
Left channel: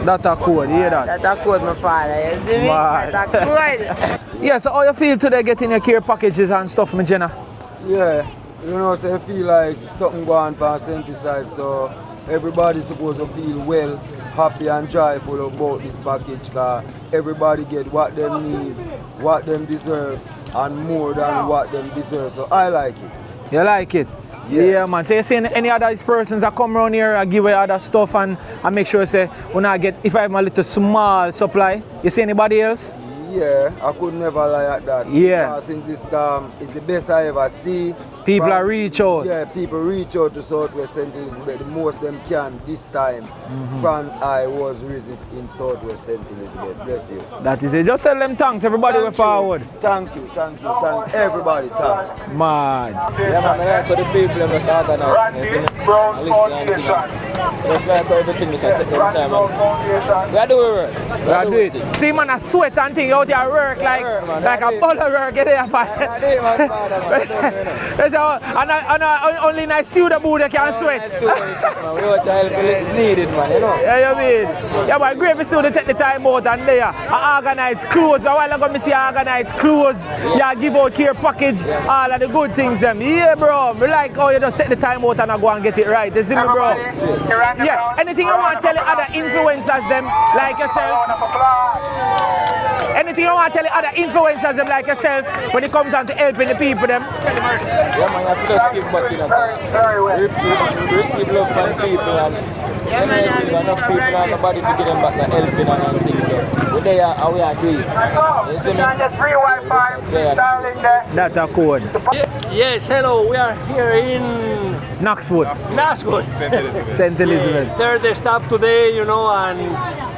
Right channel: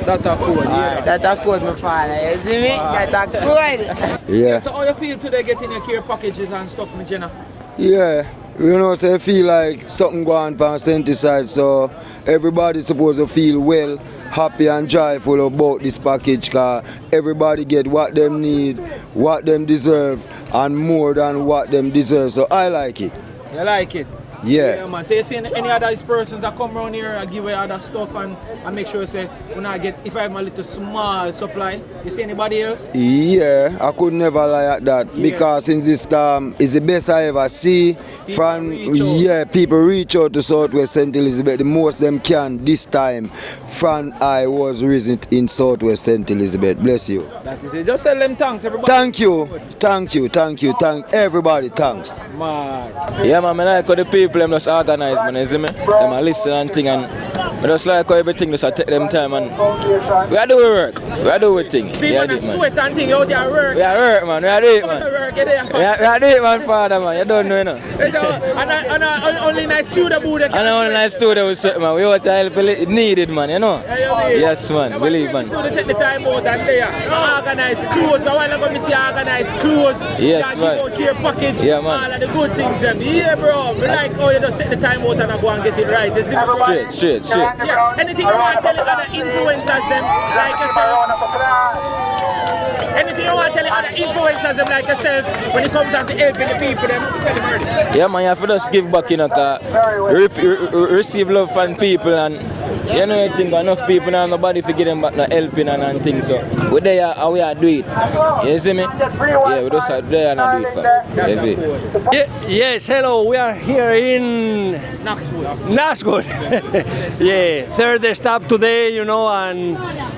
That's a code, yeah. That's a code, my father, you see me? That's a code. Yeah, so how you feel today getting your care packages and stuff, my Jenna? Yeah, you know, so I feel like something going on St. side, so everybody's supposed to feel well, happy and joyful about this package because everybody get what them need, what them deserve, and more than what them deserve. So I like it. You like it? Yeah, man. So you see any other persons that come around here and give away other stuff and make sure you say when I get, if I have a little small supply, you see anybody else? Yeah, I could never lie at that because since this time it's the best I ever see. People reach out. Yeah, people reach out to Southwest St. Elizabeth the most them can this time. From I was raised in Southwest St. Elizabeth. Bless you. That is it. Just tell them thanks, everybody. Thank you. Thank you. Thank you. Thank everybody. Thanks. Man. Yeah, man, I like how the people them just organize, man, you see me? Them listen and thing and I just like how everything just take them time and we are doing work. We are doing things. See, man, I sweat and thing out there work. Yeah, work, man. We are doing it, man. Work, you there, we are doing it, man, father, man. You don't know, you know. And only in a studio booth you can sweat. Only in a studio we sweat, man. We want to help need it, man, you know? Yeah, you mean? Yes, man. Yeah, but believe, great man. to see you take the time out and there organize clothes. A while ago, I see organize clothes. Yes, yeah, give out care package. Yeah, man. All of the good things, them. Yeah, bro. We like how you just take the time out and go and get it right. You see me, bro? Straight. Yeah. Anything you want to tell the other influencers, them, like yourself? Anything you want to tell the other influencers, them, like yourself, when it comes down to helping the people, them? Yeah, man, you have to just give back, you know, to receive love from people and you know, enough people and nobody to give them back the helping and things. So we're there and we are doing it. You see me? Yeah, we just are there and do it. That's a code. Yes, hello, we are here in Knoxwood. Knoxwood. St. Elizabeth. Third stop today, you know, and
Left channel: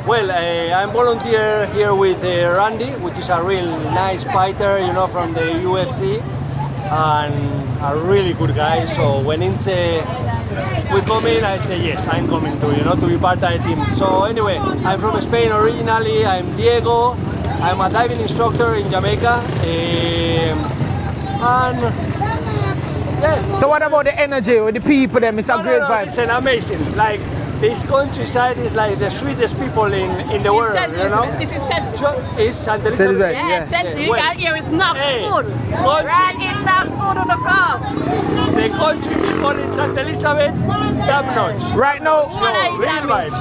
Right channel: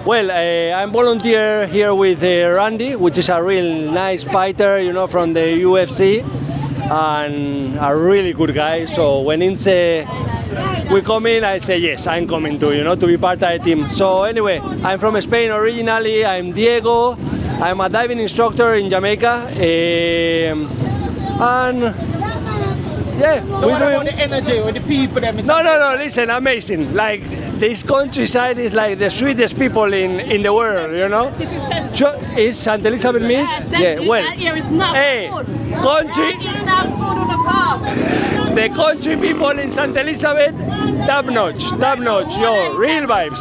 well, I'm volunteer here with Randy, which is a real nice fighter, you know, from the UFC. and a really good guy. So when he say we come in, I say yes, I'm coming too, to be part of the team. So anyway, I'm from Spain originally. I'm Diego. I'm a diving instructor in Jamaica. And yeah. So what about the energy with the people? Them? It's no, listen, amazing. Like this countryside is like the sweetest people in the world, This is It's St. Elizabeth means? Well, here is Knoxwood. Country. In Knoxwood on the car. The country people in St. Elizabeth, top notch, real vibes.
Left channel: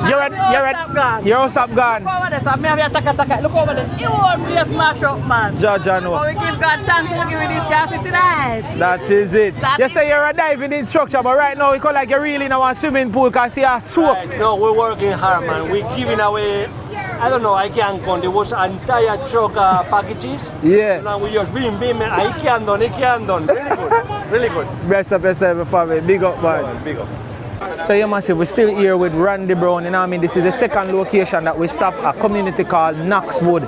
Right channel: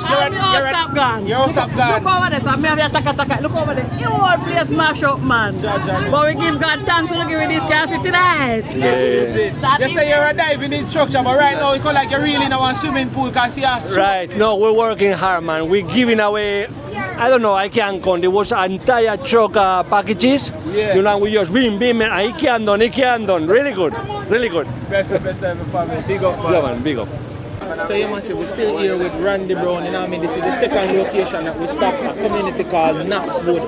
You're stop God. Look over there, look over there. You want to place mash up, man. But we give God thanks for giving this guy tonight. That is it. You say you're a diving instructor, but right now you call like you're really in a swimming pool because you're so. Right. No, we're working hard, man. We're giving away. I don't know, I can't count. There was an entire truck packages. Yeah. We just beam, I can't done. Really good, really good. Bless up yourself, family. Big up, man. Yeah, man, big up. So yeah, massive, we're still here with Randy Brown, this is the second location that we stop, a community called Knoxwood.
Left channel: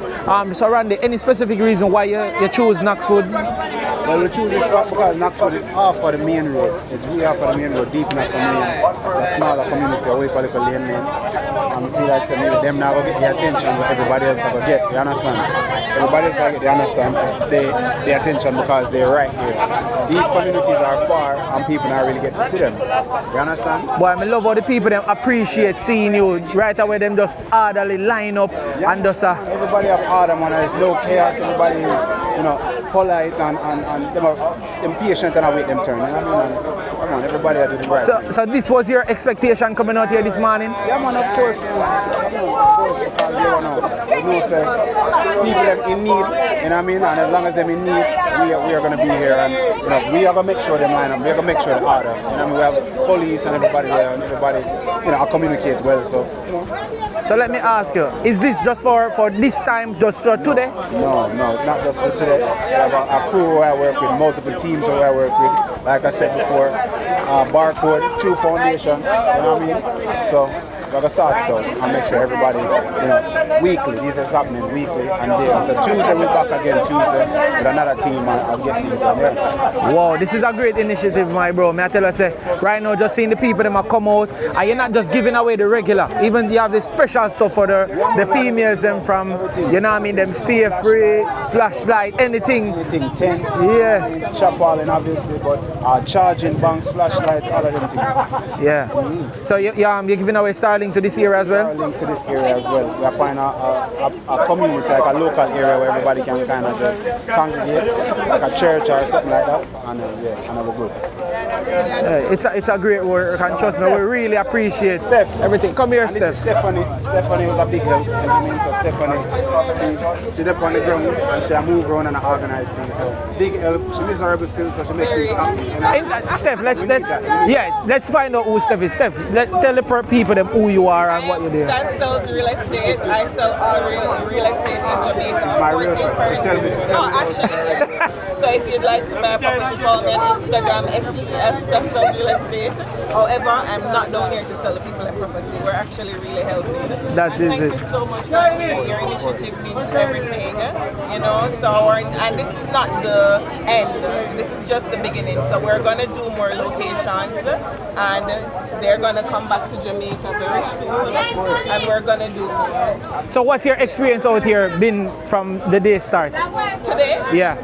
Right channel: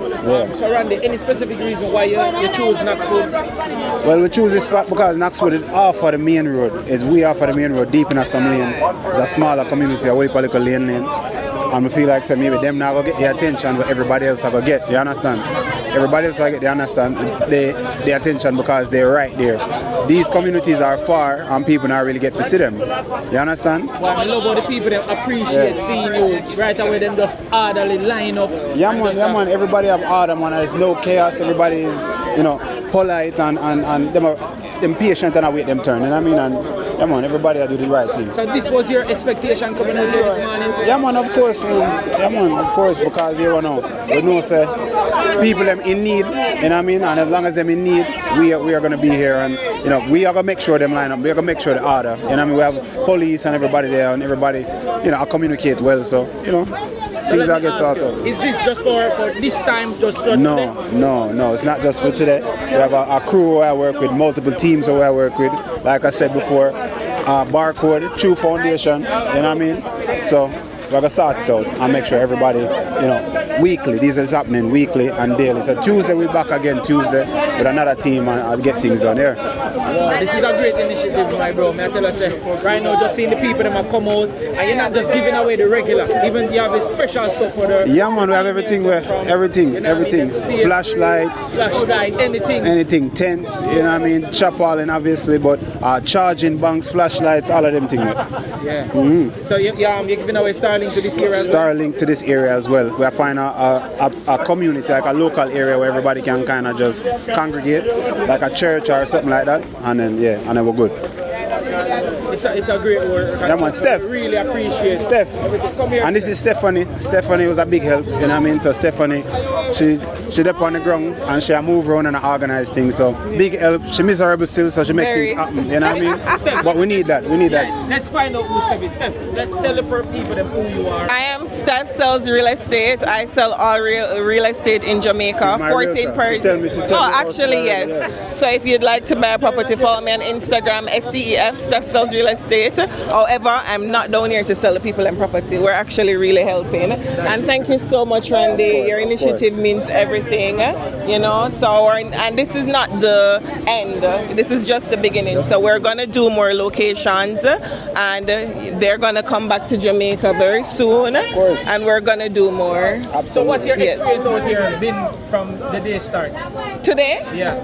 So Randy, any specific reason why you choose Knoxwood? Well, we choose this spot because Knoxwood is off of the main road. It's way off of the main road, deep in some lane. It's a smaller community, what you call it, a lane. And we feel like maybe them now will get the attention everybody else will get, you understand? Everybody else will get the attention because they're right there. These communities are far and people don't really get to see them. You understand? But I love how the people them appreciate seeing you right away, them just orderly line up. Yeah, man, everybody have order, man, and there's no chaos, everybody is, polite and them are impatient and await them turn, you know what I mean? And yeah, man, everybody do the right thing. So this was your expectation coming out here this morning? Yeah, man, of course, man. Yeah, man, of course, because we know, say, people them in need, you know what I mean? And as long as them in need, we are going to be here, and we are going to make sure them line up, we are going to make sure the order, you know what I mean? We have police and everybody there, and everybody, communicate well, so, So let me ask you, is this just for this time, just for today? No, it's not just for today. We have a crew who I work with, multiple teams who I work with. Like I said before, Barcode, True Foundation, you know what I mean? So we have to sort it out and make sure everybody, weekly, this is happening weekly and daily. So Tuesday we're back again Tuesday with another team and get things done there. Wow, this is a great initiative, my bro. May I tell you, right now just seeing the people that come out and you're not just giving away the regular, even you have the special stuff for the females and from everything. You know what I mean? Them stay flashlight, anything. Anything, tents, you know what I mean? Chaparral obviously, but charging banks, flashlights, all of them things. Yeah. Mm-hmm. So you're giving away Starlink to this area as well? Starlink to this area as well. We are finding a community, like a local area where everybody can kind of just congregate, like a church or something like that, and then we're good. Yeah, it's a great work. And trust me, we really appreciate everything. Come here, and this is Stephanie. Stephanie was a big help, you know what I mean? So Stephanie, she up on the ground and she move around and organize things. So big help. She miserable still, so she make things happen. You know what I mean? But we need that. Let's find out who Steph is. Steph, tell the people them who you are. I am Steph sells real estate. I sell all real estate in Jamaica. 14 per. Oh, actually yes. So if you'd like to buy a property, follow me on Instagram, STEF. Steph sells real estate. However, I'm not down here to sell the people and property. We're actually really helping. And thank you so much, Randy. Your initiative means everything. So and this is not the end. This is just the beginning. So we're gonna do more locations, and they're gonna come back to Jamaica very soon. And we're gonna do more. So what's your experience out here been from the day start? Today? Yeah.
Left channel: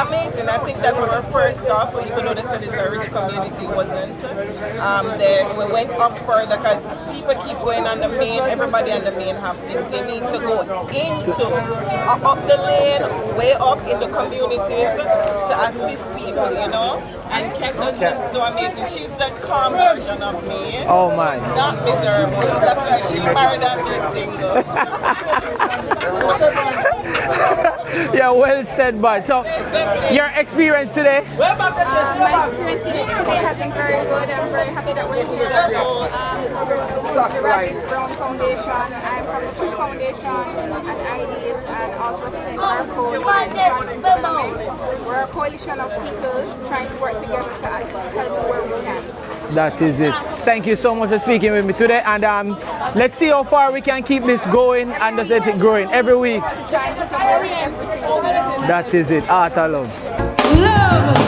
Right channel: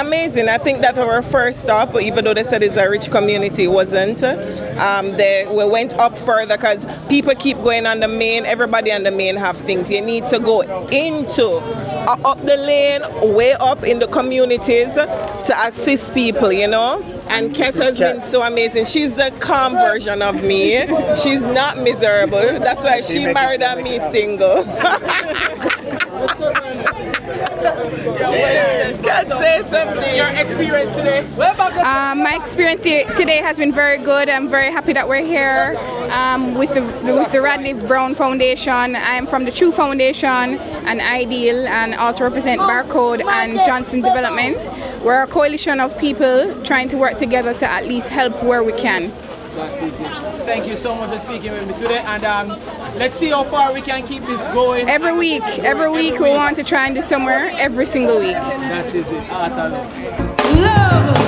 Amazing. I think that our first stop, even though they said it's a rich community, wasn't. We went up further because people keep going on the main. Everybody on the main have things. You need to go into up the lane, way up in the communities to assist people, And Ket has been so amazing. She's the calm version of me. She's not miserable. That's why she married and me single. Yeah, well said, but so your experience today? My experience today has been very good. I'm very happy that we're here with the Rodney Brown Foundation. I'm from the True Foundation and Ideal, and also represent Barcode and Johnson Development. We're a coalition of people trying to work together to at least help where we can. That is it. Thank you so much for speaking with me today. And let's see how far we can keep this going. Every week we want to try and do somewhere every single week. That is it. Art of love. Love.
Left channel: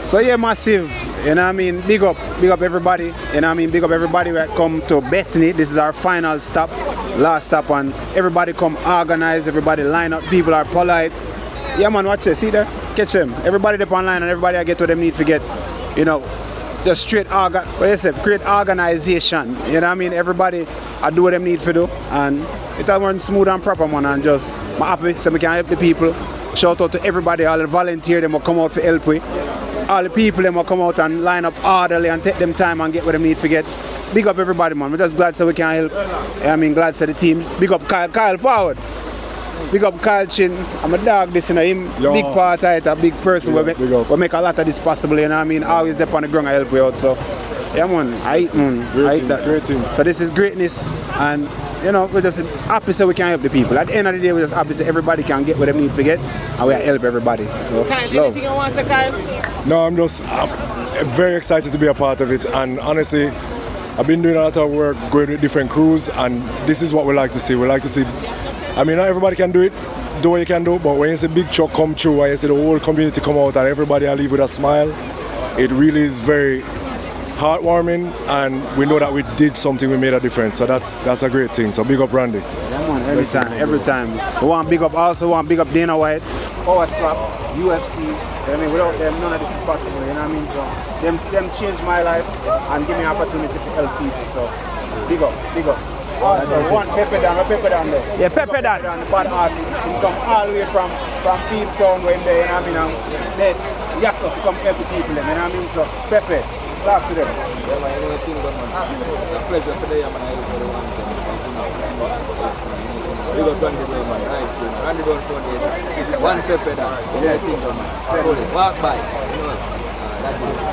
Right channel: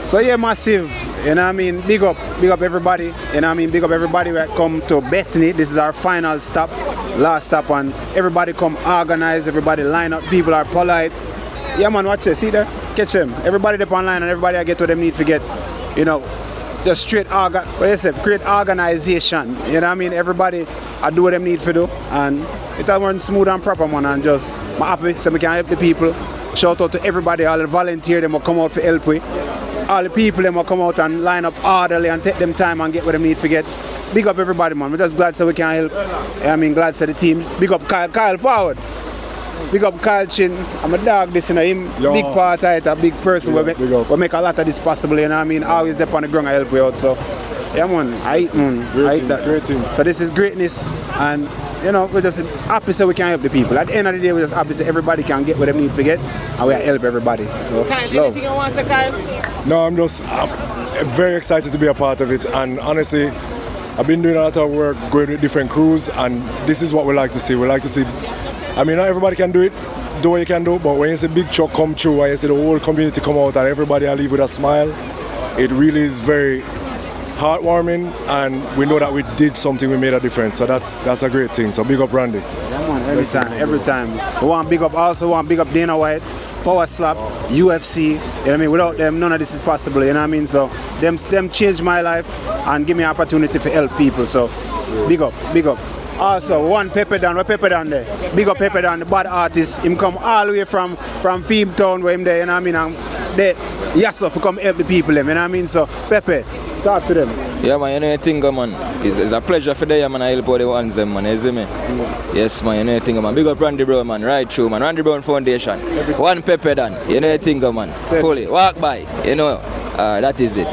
So yeah, massive, you know what I mean, big up everybody, you know what I mean, big up everybody that come to Bethany. This is our final stop, last stop, and everybody come organize, everybody line up, people are polite. Yeah man, watch this, see there, catch them. Everybody up online and everybody I get what them need to get, you know, just straight create organization, you know what I mean, everybody I do what them need to do, and it all run smooth and proper man, and just, I'm happy so we can help the people. Shout out to everybody, all the volunteers them will come out for help with. All the people them will come out and line up orderly and take them time and get what they need to get. Big up everybody man, we're just glad so we can help. I mean glad so the team. Big up Kyle forward. Big up Kyle Chin. I'm a dog this, you know, him big part of it, a big person we make a lot of this possible, you know what I mean? Always step on the ground and help you out. So yeah man, I hate that. Great team. So this is greatness, and you know, we're just happy so we can help the people. At the end of the day, we're just happy so everybody can get what they need to get, and we help everybody. So, Kyle, anything you want to say, Kyle? No, I'm very excited to be a part of it, and honestly, I've been doing a lot of work going with different crews, and this is what we like to see. We like to see, I mean, not everybody can do it, do what you can do, but when you see big truck come through, and you see the whole community come out, and everybody leave with a smile, it really is very heartwarming, and we know that we did something, we made a difference, so that's a great thing. So big up Randy. Yeah man, every time. We want big up Dana White, Power Slap, UFC, you know what I mean? Without them, none of this is possible, you know what I mean? So them changed my life and give me an opportunity to help people, so big up. Also, one Pepper down there. Yeah, big up Pepper down, the bad artist. Him come all the way from Town where him there, you know what I mean? And yes, to come help the people, you know what I mean? So Pepper, talk to them. Yeah man, you know the thing man, it's a pleasure for them man, I help all the ones them man, you see me? Yes man, you know the thing man, big up Randy Brown man, right through man, Randy Brown Foundation, one Pepper down, you know the thing man, fully, walk by, you know, that is it.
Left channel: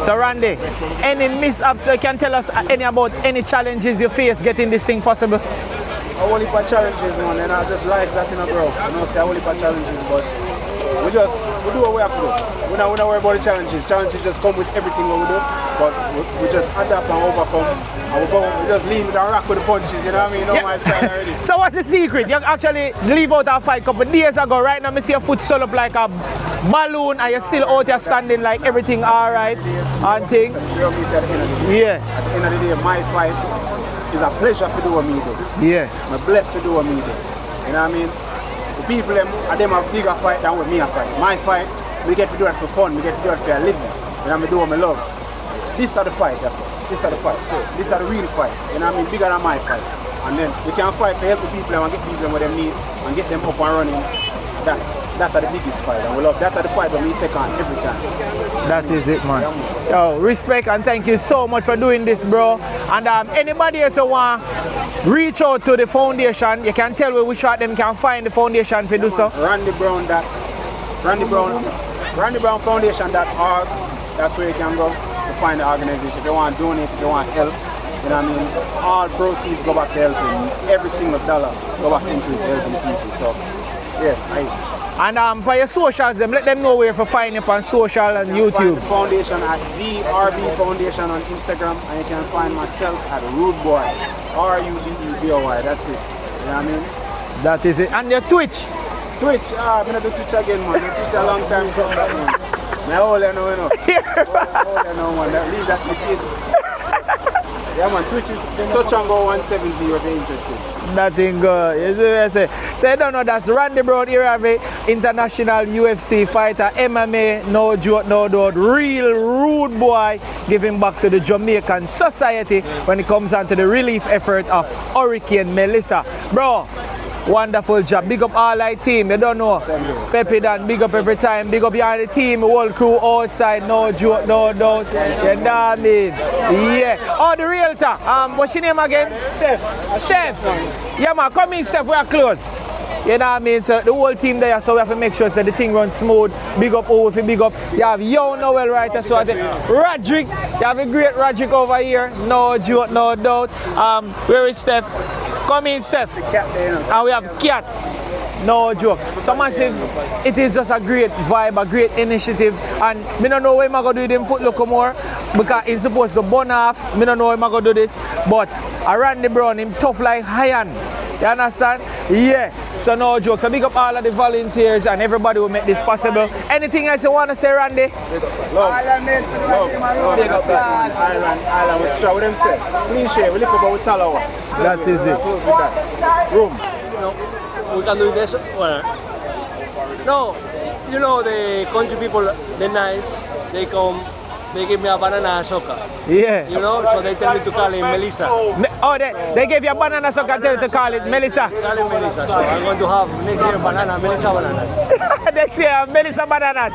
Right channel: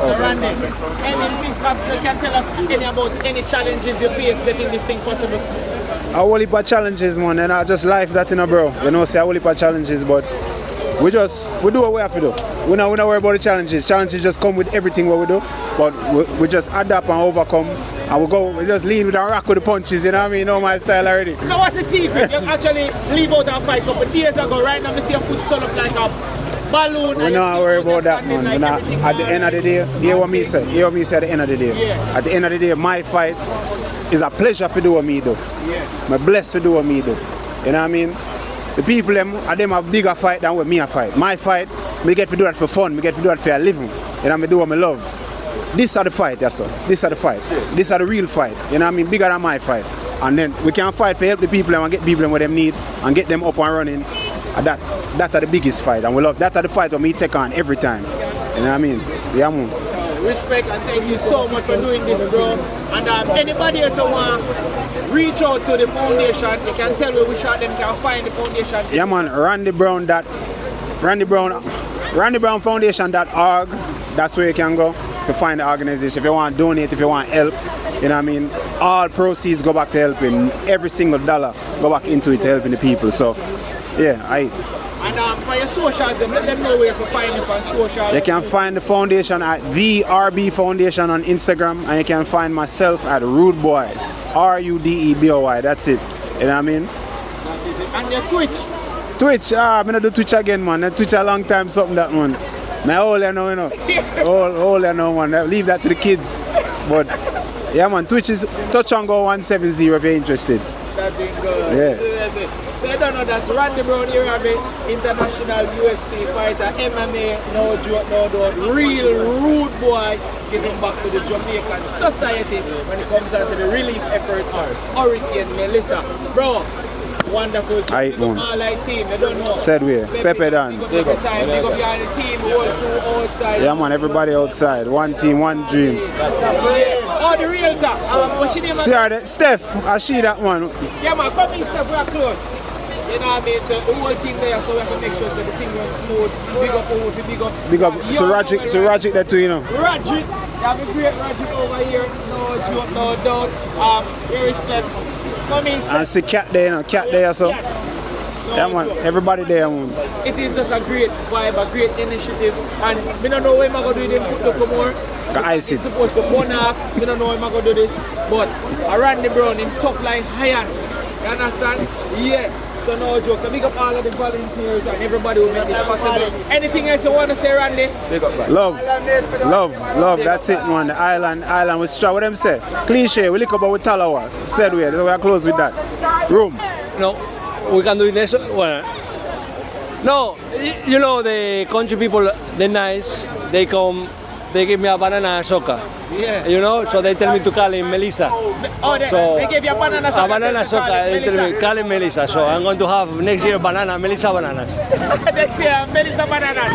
So Randy, any mishaps you can tell us about any challenges you face getting this thing possible? A whole heap of challenges man, and I just like that, you know bro, you know, say a whole heap of challenges, but we do what we have to do. We don't worry about the challenges. Challenges just come with everything what we do, but we just adapt and overcome, and we just lean with our rock with the punches, you know what I mean? You know my style already. So what's the secret? You actually leave out our fight a couple days ago, right now I see your foot swell up like a balloon, and you're still out there standing like everything all right. At the end of the day, hear what me say at the end of the day. Yeah. At the end of the day, my fight is a pleasure to do what me do. Yeah. I'm blessed to do what me do. You know what I mean? The people them have bigger fight than what me a fight. My fight, me get to do that for fun, me get to do that for a living. And I do what I love. This are the fight, that's all. This are the fight. This are the real fight. You know what I mean? Bigger than my fight. And then we can fight to help the people and get people what they need and get them up and running. And that are the biggest fight. And we love that are the fight that we take on every time. You know what I mean? Is it, man. Yeah, man. Yo, respect and thank you so much for doing this, bro. And anybody else who want reach out to the foundation, you can tell me which one them can find the foundation for yeah, do man. so. RandyBrownFoundation.org. That's where you can go to find the organization. If you want to donate, if you want help, you know what I mean? All proceeds go back to helping. Every single dollar go back into it to helping the people. So, yeah, And for your socials, let them know where you can find you on social You and can YouTube. find the foundation at the RB Foundation on Instagram, and you can find myself at Rude Boy, RUDEBOY. That's it. You know what I mean? That is it. And your Twitch? Twitch, I'm gonna do Twitch again, man. I Twitch a long time, something that one. My old, you know. Old, you know, man. Leave that to the kids. But yeah, man, Twitch is touch and go 170 if you're interested. Nothing good. Yeah. You see what I say? So you don't know that's Randy Brown here, I mean, international UFC fighter, MMA, no joke, no doubt, real rude boy, giving back to the Jamaican society when it comes down to the relief effort of Hurricane Melissa. Bro, wonderful job. Big up all our team, you don't know. Said we. Pepe that big up every time. Big up behind the team, whole crew outside. Yeah, no man, joke, everybody no outside. doubt. One team, one dream. Yeah. Oh, the realtor. What's your name again? Steph. I see that one. Yeah, man, come in, Steph, we're close. You know what I mean? So the whole team there, so we have to make sure that the thing runs smooth. Big up over, big up. Big up. So Roderick got to, you know. Roderick, you have a great Roderick over here. No joke, no doubt. Where is Steph? Come in, Steph. I see Cat there, and Cat we there. have So. Cat. No Yeah, joke. everybody there. It is just a great vibe, a great initiative, and I don't know when I'm going to do the Foot Locker more because it's supposed to burn off. I don't know when I'm going to do this, but I ran the Brown, him tough like iron. You understand? Yeah. So no joke. So big up all of the volunteers and everybody who make this possible. Anything else you want to say, Randy? Love. That's it, man. The island was strong. What them say? Cliche. We look up with Talawa. Said we. We're close with that. Room. No, we can do it next. Well, no, you know the country people, they're nice. They come. They give me a banana and soca. Yeah. You know, so they tell me to call him Melissa. They gave you a banana soca, tell you to call him Melissa. Call him Melissa. So I'm going to have next year Melissa bananas. Next year, Melissa bananas.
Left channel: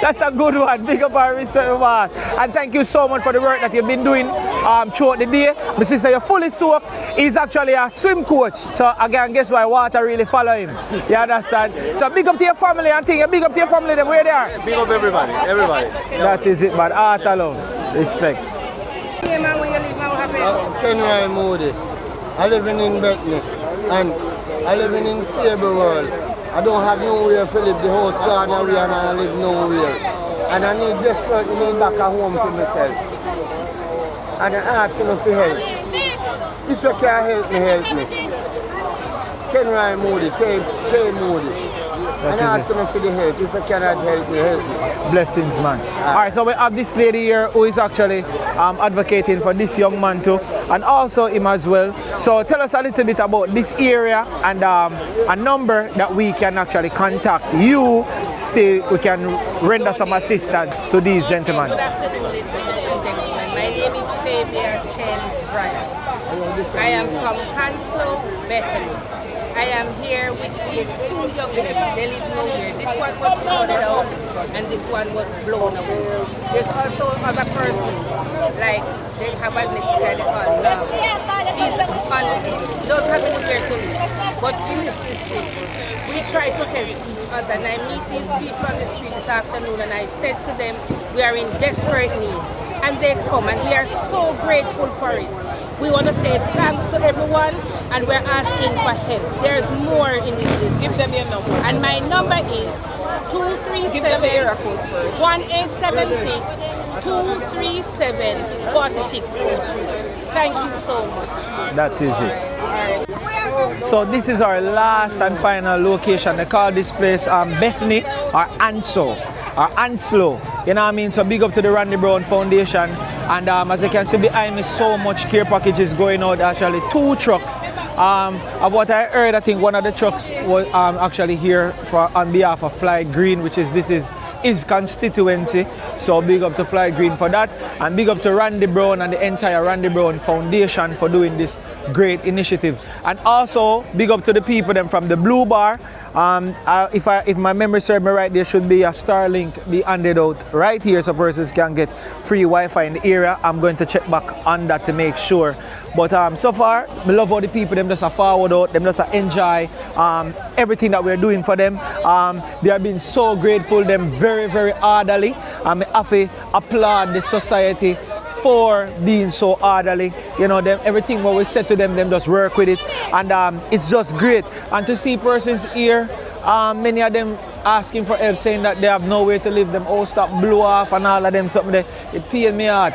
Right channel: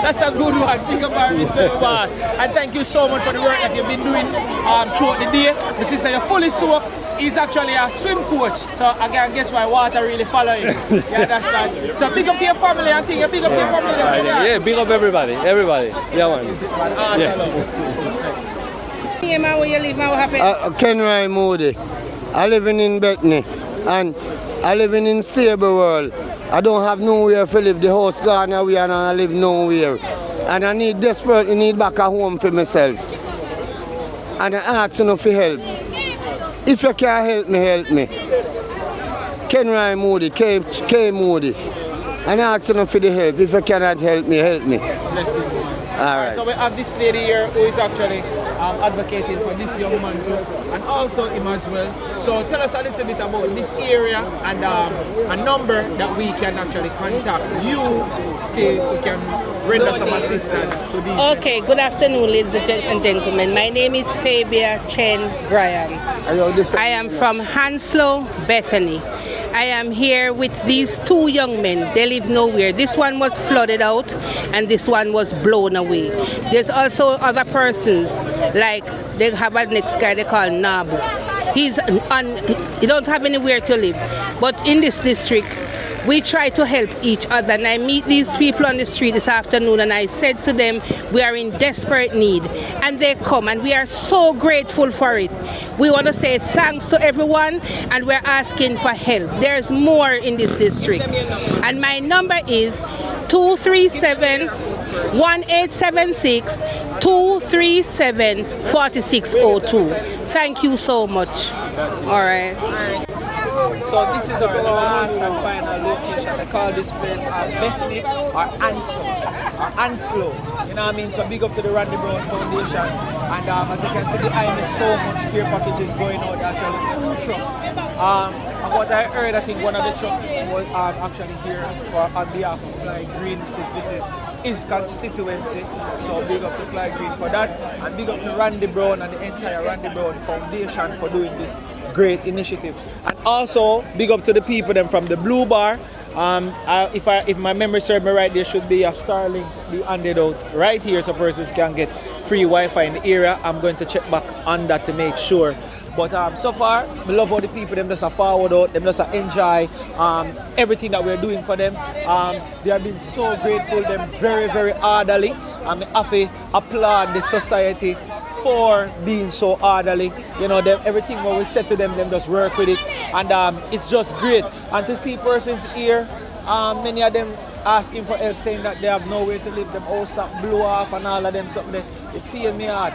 That's a good one. Big up our reserve man. And thank you so much for the work that you've been doing throughout the day. My sister, you're fully soaked. He's actually a swim coach. So again, guess why water really follow him. You understand? So big up to your family and thing. Big up to your family and where they are. Yeah, big up everybody. Yeah, that is it, man. Art alone. Respect. Yeah, man, when you leave, man, what happened? Kenry Moody. I live in Bethany and I live in stable world. I don't have nowhere to live. The house gone away and I live nowhere. And I desperately need back a home for myself. And I ask you for help. If you can help me. Kenry Moody, K Moody. And I ask you for the help. If you cannot help me. Blessings, man. All right, so we have this lady here who is actually advocating for this young man too, and also him as well. So tell us a little bit about this area and a number that we can actually contact you, say we can render some assistance to these gentlemen. Okay, good afternoon, ladies and gentlemen. My name is Fabia Chen Graham. I am from Hounslow, Bethany. I am here with these two young men. They live nowhere. This one was flooded out and this one was blown away. There's also other persons, like they have a next guy they call Nabu. He don't have anywhere to live. But in this district, we try to help each other, and I meet these people on the street this afternoon and I said to them, we are in desperate need, and they come and we are so grateful for it. We want to say thanks to everyone and we're asking for help. There's more in this district. And my number is 237-1876 237-4602. Thank you so much. That is all right. So this is our last and final location. They call this place Bethany or Anslow. You know what I mean? So big up to the Randy Brown Foundation. And as you can see behind me, so much care packages going out. Actually 2 trucks. Of what I heard, I think one of the trucks was actually here on behalf of Fly Green, which is his constituency. So big up to Fly Green for that, and big up to Randy Brown and the entire Randy Brown Foundation for doing this great initiative. And also big up to the people them from the Blue Bar. If my memory serves me right, there should be a Starlink be handed out right here so persons can get free Wi-Fi in the area. I'm going to check back on that to make sure. But so far, I love all the people, them just forward out, them just enjoy everything that we're doing for them. They have been so grateful, them very, very orderly. I have to applaud the society for being so orderly. You know, everything what we said to them just work with it. And it's just great. And to see persons here Many of them asking for help, saying that they have nowhere to live. Them all stop blow off and all of them something that it pain me hard.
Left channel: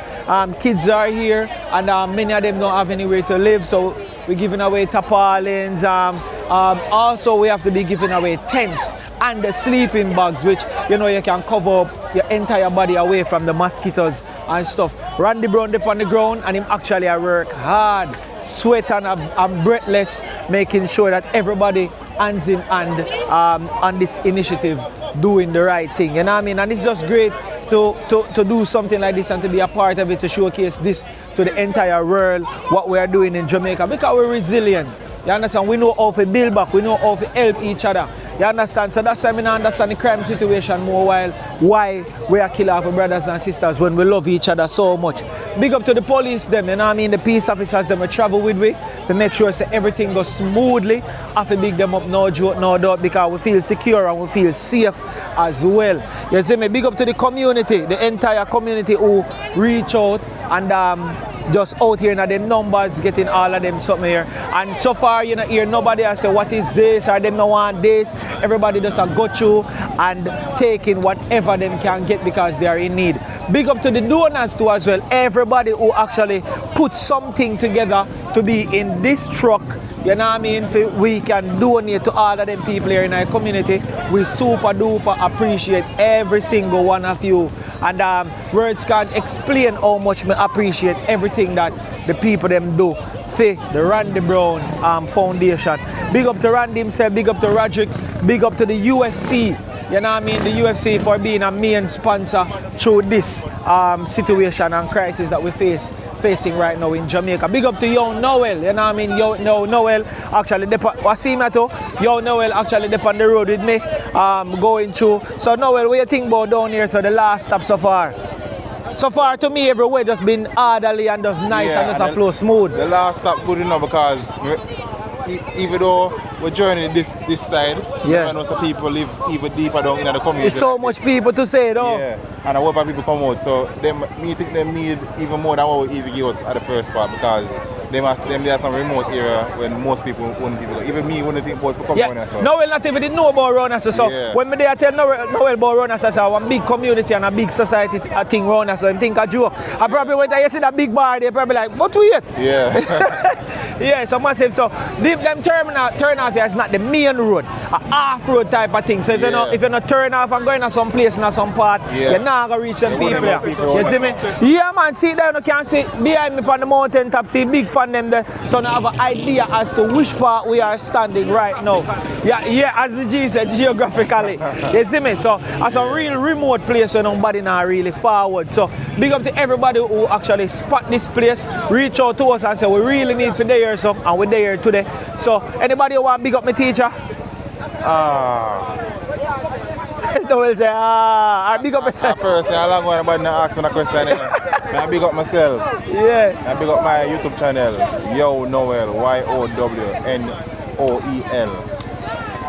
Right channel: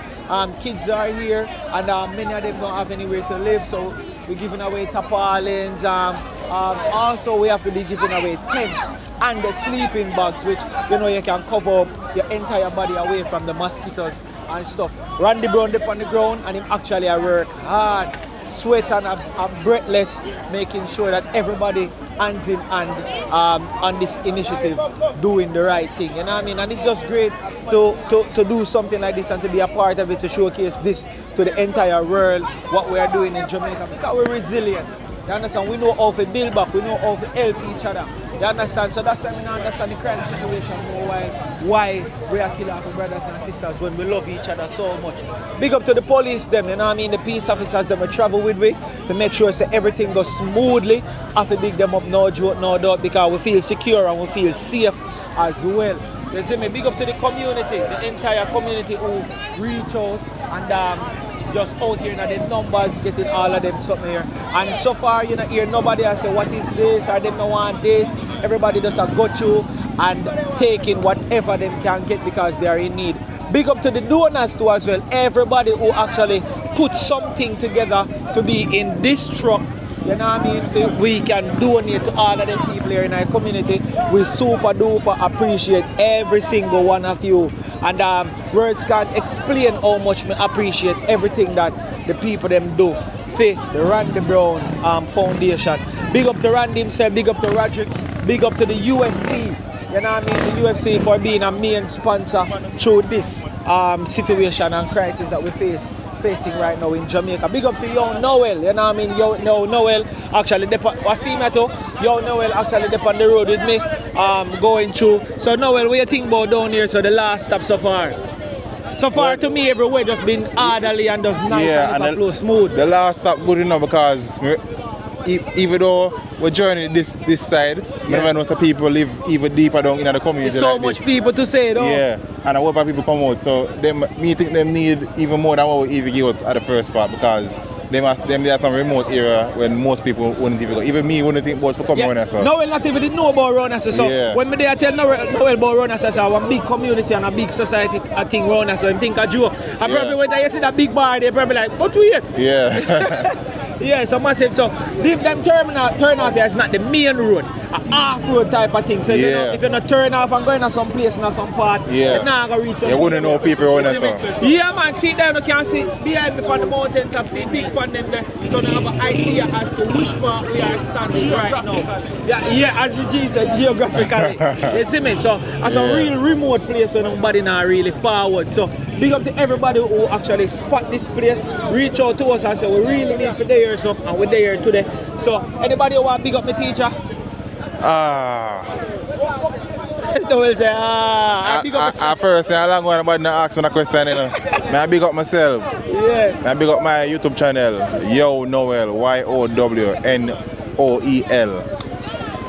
Kids are here and many of them don't have anywhere to live, so we're giving away tarpaulins. Also we have to be giving away tents and the sleeping bags, which you know you can cover up your entire body away from the mosquitoes and stuff. Randy Brown up on the ground and him actually work hard, sweat and I'm breathless, making sure that everybody hands in hand on this initiative, doing the right thing. You know what I mean? And it's just great to do something like this and to be a part of it, to showcase this to the entire world, what we are doing in Jamaica, because we're resilient. You understand? We know how to build back, we know how to help each other. You understand? So that's why I understand the crime situation more while why we are killing our brothers and sisters when we love each other so much. Big up to the police them, you know what I mean? The peace officers them we travel with we to make sure that everything goes smoothly. I have to big them up, no joke, no doubt, because we feel secure and we feel safe as well. You see me? Big up to the community, the entire community who reach out and just out here in the numbers, getting all of them something here. And so far, you know, hear nobody I say, what is this, or them no want this. Everybody just have got you and taking whatever them can get because they are in need. Big up to the donors too as well. Everybody who actually put something together to be in this truck. You know what I mean? We can donate to all of them people here in our community. We super duper appreciate every single one of you. And words can't explain how much I appreciate everything that the people them do for the Randy Brown Foundation. Big up to Randy himself, big up to Roderick, big up to the UFC. You know what I mean? The UFC for being a main sponsor through this situation and crisis that we facing right now in Jamaica. Big up to Yo Noel, you know what I mean? Yo Noel actually Yo Noel actually dip on the road with me, going through. So Noel, what you think about down here? So the last stop so far? So far to me everywhere just been orderly and just nice and just flow smooth. The last stop good enough because even though we're joining this side, never know some people live even deeper down in the community. There's so much people to say though. Yeah, and I hope people come out. So me think them need even more than what we even give out at the first part, because there are some remote area when most people wouldn't even go. Even me wouldn't think about for coming on there. So. Noel not even didn't know about Rona. So when me tell Noel about Rona, so a big community and a big society I think Rona, so I think a joke. I probably when you see that big bar, they probably like, what we it? Yeah. Yeah, so massive. So leave them turn off here is not the main road, a off-road type of thing. So you know, if you're not turn off and going to some place in some part, you're not gonna reach the people. You see me? Yeah man, see there you can see behind me on the mountain top, see big fan them there. So now have an idea as to which part we are standing right now. Yeah, as the G said, geographically. You see me? So as a real remote place where nobody not really forward. So big up to everybody who actually spot this place, reach out to us and say we really need for there so and we're there today. So anybody who want to big up my teacher? Noel say I big up myself. First, I don't want anybody to ask me a question. I big up myself. Yeah. I big up my YouTube channel, Yo Noel, YOWNOEL.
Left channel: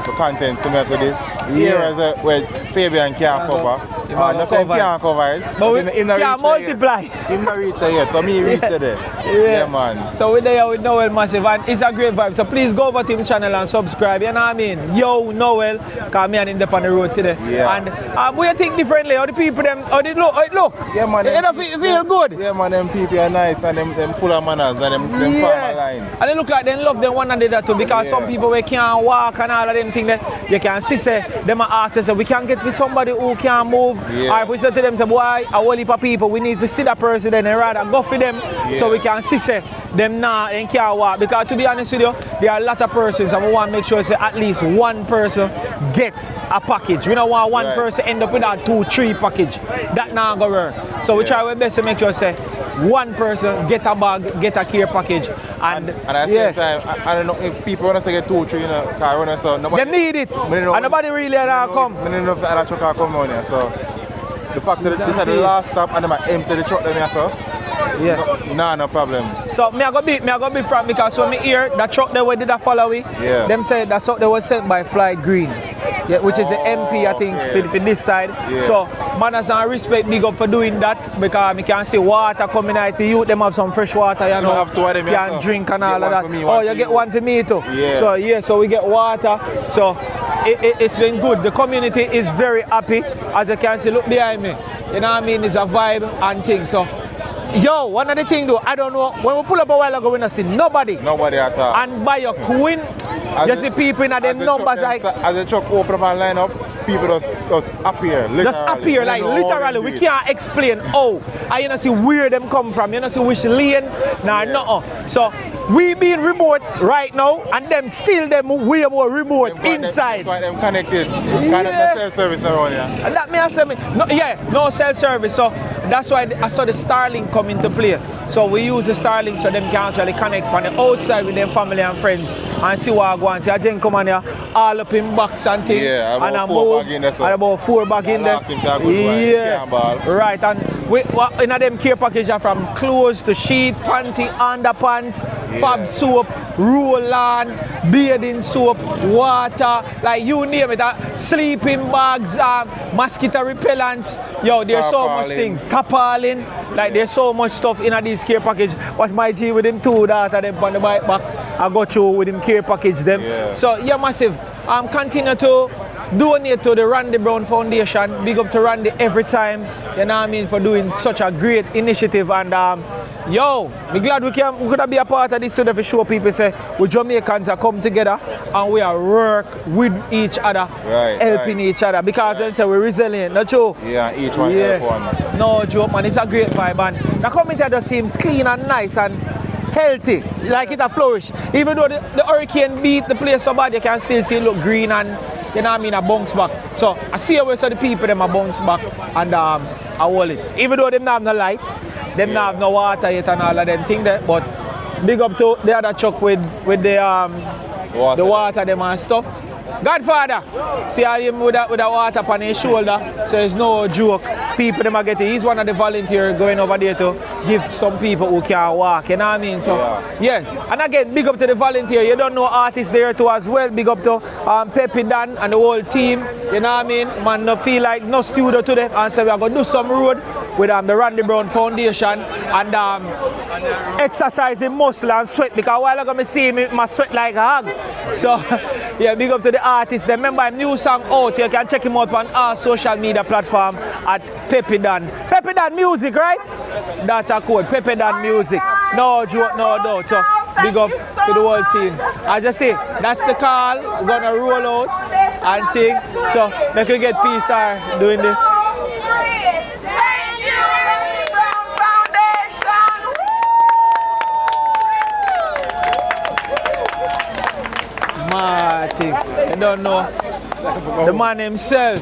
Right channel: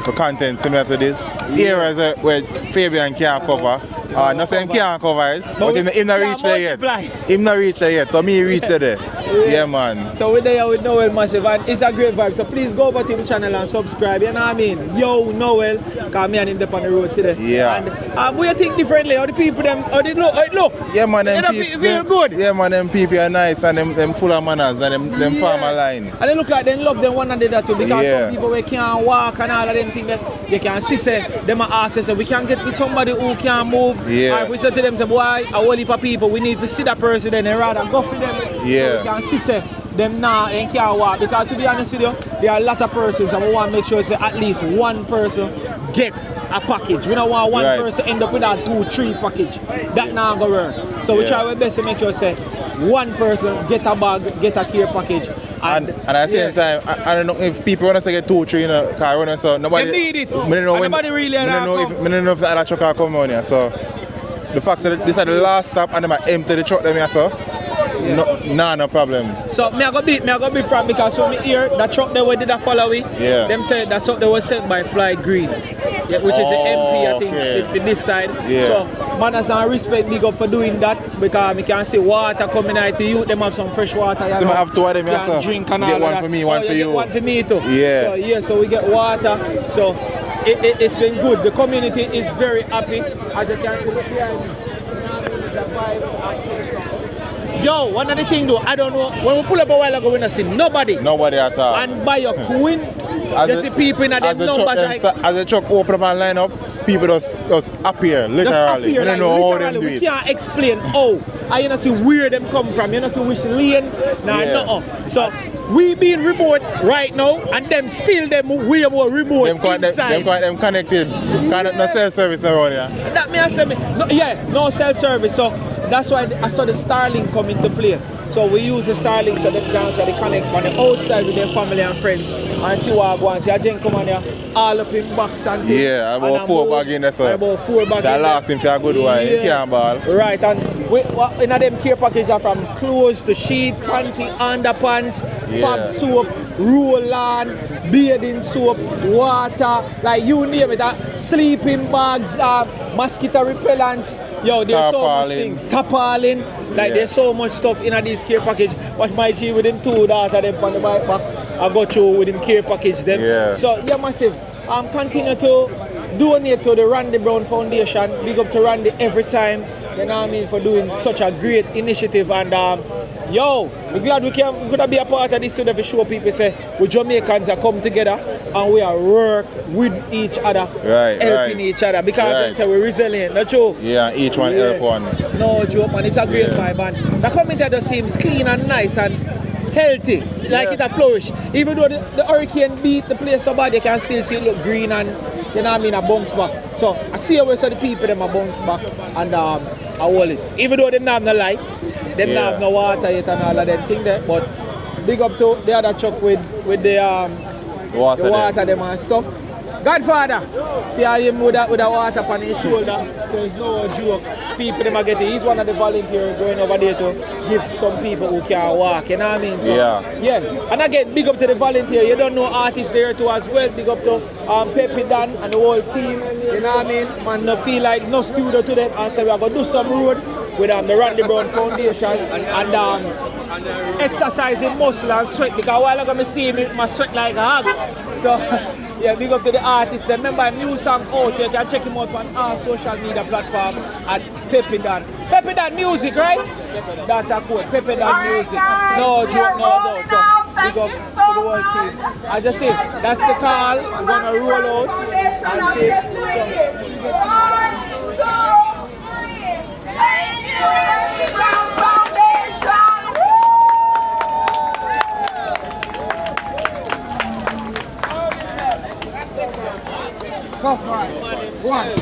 For content similar to this. Here is where Fabian can't cover. Not saying can't cover it, but him not reach there yet. Him not reach there yet, so me reach there. Yeah man. So we're there with Noel Massive and it's a great vibe. So please go over to his channel and subscribe, you know what I mean? Yo Noel, because me and him up on the road today. Yeah. And we think differently, how the people them, how they look. Yeah man, them people feel good. Yeah man, them people are nice and them full of manners and them farmer line. And they look like they love them one another too, because some people we can't walk and all of them things that they can see say, them ask us, we can't get with somebody who can't move. Yeah. Or if we say to them, say, why a whole heap of people, we need to see that person then and rather go for them so we can see say, them now and can't walk. Because to be honest with you, there are a lot of persons and we want to make sure say, at least one person get a package. We don't want one person end up with a 2-3 package. That not going to work. So we try our best to make sure say, one person get a bag, get a care package. And at the same time, I don't know if people want to get 2-3 in a car, so nobody they need it. And nobody really come. I don't know if the other truck can come on here. So the fact that this is the last stop and I empty the truck them here, so no problem. So me I go be proud because when me hear that truck they did a follow we, them said that's what they was sent by Fly Green. Yeah, which is the MP I think for this side. So manners and respect big up for doing that because we can see water coming out to you, them have some fresh water. So I have two of them here, drink and all get that. One for me, one for you. Get one for me too. Yeah. So we get water. So it's been good. The community is very happy. As you can see, look behind me. You know what I mean? It's a vibe and things. So, yo, one of the things though, I don't know, when we pull up a while ago, we don't see nobody. Nobody at all. And by your queen, you see people in them numbers like... As the truck open up and line up, people just appear, literally. Just appear, like, literally. We can't explain how. And you don't see where them come from. You don't see which lane, nothing. So, we being remote right now, and them still them way more remote inside. Them connected. Kind of no cell service around here. And that may I say, no cell service. So, that's why I saw the Starlink come into play. So we use the Starlink so them can actually connect from the outside with their family and friends and see what I go and see. I just come on there all up in box and things. Yeah, about 4 bag in there. So about 4 bag in there. Last thing for a good one. You can't ball. Right, and we, in them care package are from clothes to sheets, panty, underpants, fab soap, roll-on, bathing soap, water, like you name it, sleeping bags, mosquito repellents. Yo, there's so much things. Tarpaulin, like there's so much stuff in this care package. Watch my G with him 2 daughter them on the bike back. I got through with him care package them. Yeah. So yeah, massive. Continue to donate to the Randy Brown Foundation. Big up to Randy every time. You know what I mean, for doing such a great initiative. And yo, I'm glad we could be a part of this so that we show people say we Jamaicans are come together and we are work with each other, helping each other. Because I say we're resilient, not true? Yeah, each one help one. No joke, man. It's a great vibe, and the community just seems clean and nice and healthy, like it a flourish. Even though the hurricane beat the place so bad, you can still see it look green and, you know what I mean, a bounce back. So I see how the people them a bounce back and I hold it. Even though them not have no light, them not have no water yet and all of them things there, but big up to the other truck with the water them and stuff. Godfather, see how him with the water on his shoulder, so it's no joke. People them are getting, he's one of the volunteers going over there to give some people who can't walk, you know what I mean? So, yeah. And again, big up to the volunteer. You don't know artists there too as well. Big up to Pepe Dan and the whole team, you know what I mean? Man, no feel like no studio to them and say we're going to do some road with the Randy Brown Foundation and exercising muscle and sweat, because while I'm going to see me, my sweat like a hog. So, yeah, big up to the artist. Remember a new song out, you can check him out on our social media platform at Pepe Dan. Pepe Dan Music, right? That's a code, Pepe Dan Music. No joke, no doubt. So big up to the whole team. As I say, that's the call. We're gonna roll out and take. So they can get peace doing this. I don't know. The man himself,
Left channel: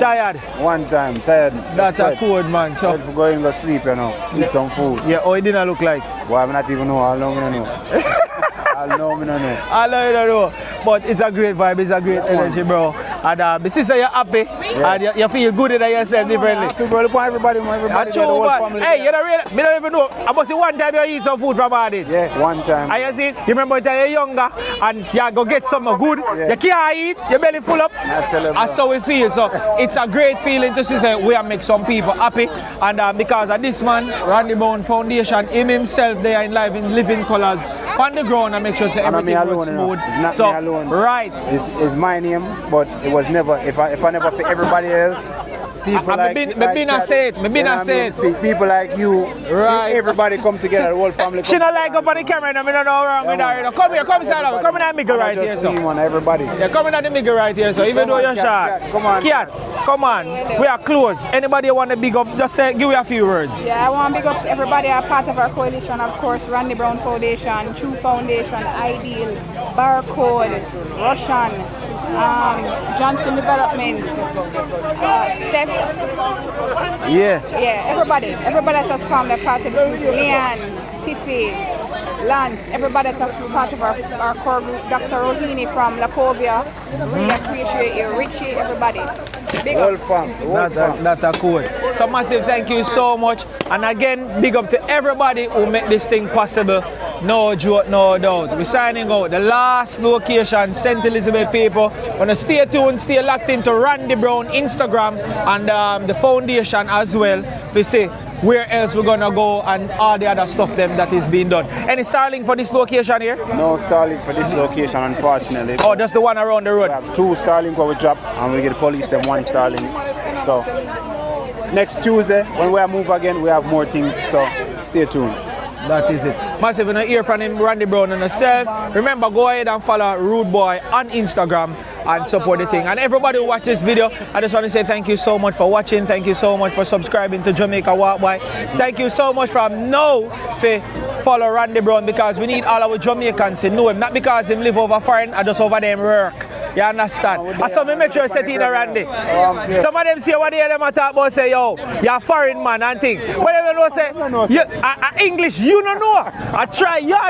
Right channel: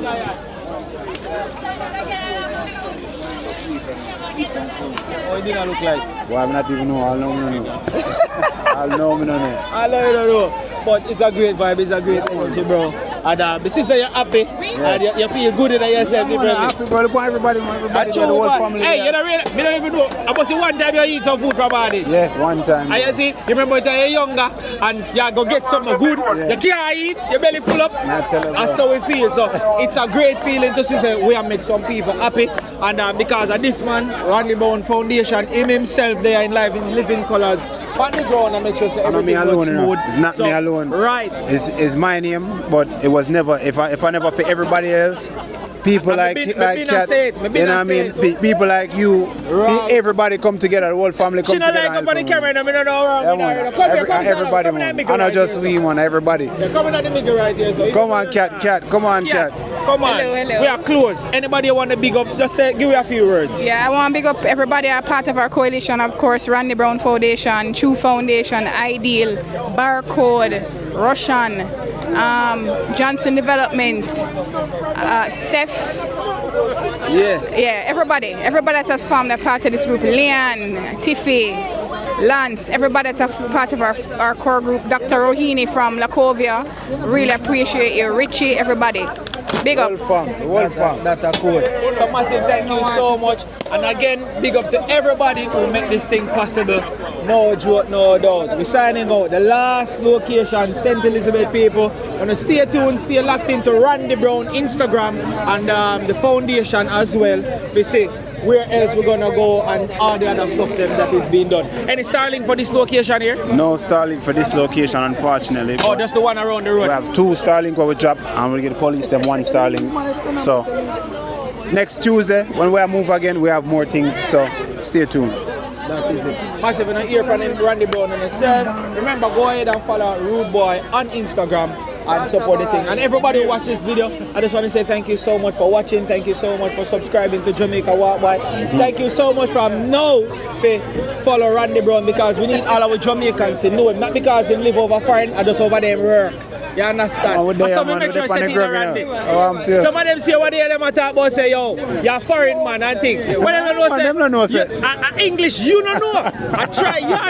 tired. One time, tired. That's a cold man. So going to sleep, you know. Eat some food. Yeah, how it didn't look like? Boy, I'm not even know. How long I know. How long I know. How long I don't know. But it's a great vibe, it's a great energy, bro. And my sister, you're happy. And you feel good in yourself differently. I'm happy, bro. Everybody there, the whole family. Hey, you don't even know. I must say one time you eat some food from Badi. Yeah, one time. And you see, you remember when you're younger and you go get something good. Yeah. You can't eat, your belly full up. That's how it feels. So it's a great feeling to see that we make some people happy. And because of this man, Randy Brown Foundation, him himself there in life in living colors. On the ground and make sure everything was smooth. It's not me alone. Right. It's my name, but it was never, if I never pay everybody else, people like people like you, everybody come together, the whole family come together. She don't like up on the camera, I don't know. Come here, come stand come in the middle right here. Not just me, man, everybody. Yeah, come in the middle right here, so you come on, cat, come on, cat. Come on, hello. We are close. Anybody want to big up, just say, give me a few words. Yeah, I want to big up everybody a part of our coalition, of course, Randy Brown Foundation, True Foundation, Ideal, Barcode, Russian, Johnson Development, Steph. Yeah, everybody that has formed a part of this group, Leon, Tiffy, Lance, everybody that's a part of our core group, Dr. Rohini from Lacovia, really appreciate you, Richie, everybody. Big up. That's cool. So massive thank you so much. And again, big up to everybody who make this thing possible. No joke, no doubt. We're signing out. The last location, St. Elizabeth people. Wanna stay tuned, stay locked into Randy Brown Instagram and the foundation as well. We say where else we're gonna go and all the other stuff then that is being done. Any Starlink for this location here? No Starlink for this location, unfortunately. Oh, that's the one around the road. We have 2 Starlink where we drop and we get the police them 1 Starlink. So next Tuesday when we move again, we have more things. So stay tuned. That is it. Massive, when I hear from him, Randy Brown and myself, remember, go ahead and follow Rude Boy on Instagram and support the thing. And everybody who watches this video, I just want to say thank you so much for watching. Thank you so much for subscribing to Jamaica Walk By. Thank you so much from now to follow Randy Brown, because we need all our Jamaicans to know him. Not because he live over foreign and just over there work. You understand? And so make sure you say to Randy. Some of them say what they talk about, say, yo, you're a foreign man and thing. When they know say, English, you don't know. I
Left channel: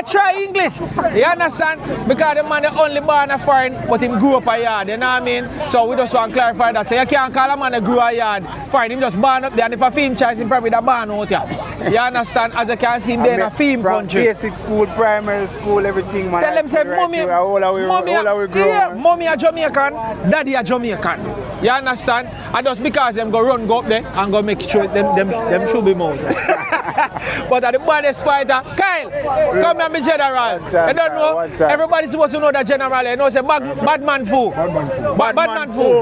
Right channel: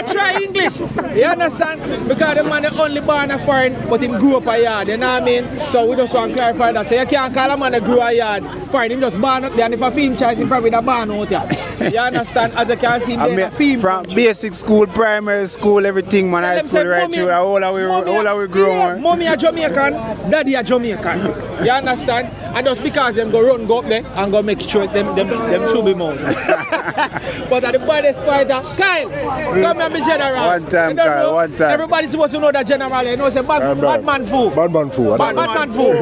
try English. You understand? Because the man is only born a foreign, but him grew up a yard, you know what I mean? So we just want to clarify that. So you can't call a man that grew a yard foreign, him just born up there, and if a film choice, he probably that born out here. You understand? As you can see, him there in a film country. Basic school, primary school, everything, man. High school, right through, all our growing. Mommy a Jamaican, daddy a Jamaican. You understand? And just because them go up there and go make sure them should be more. But at the baddest fighter, Kyle, come and be general. One time, Kyle, one time. Everybody's supposed to know that general, you know, say bad man fool. Bad man fool. Bad man fool.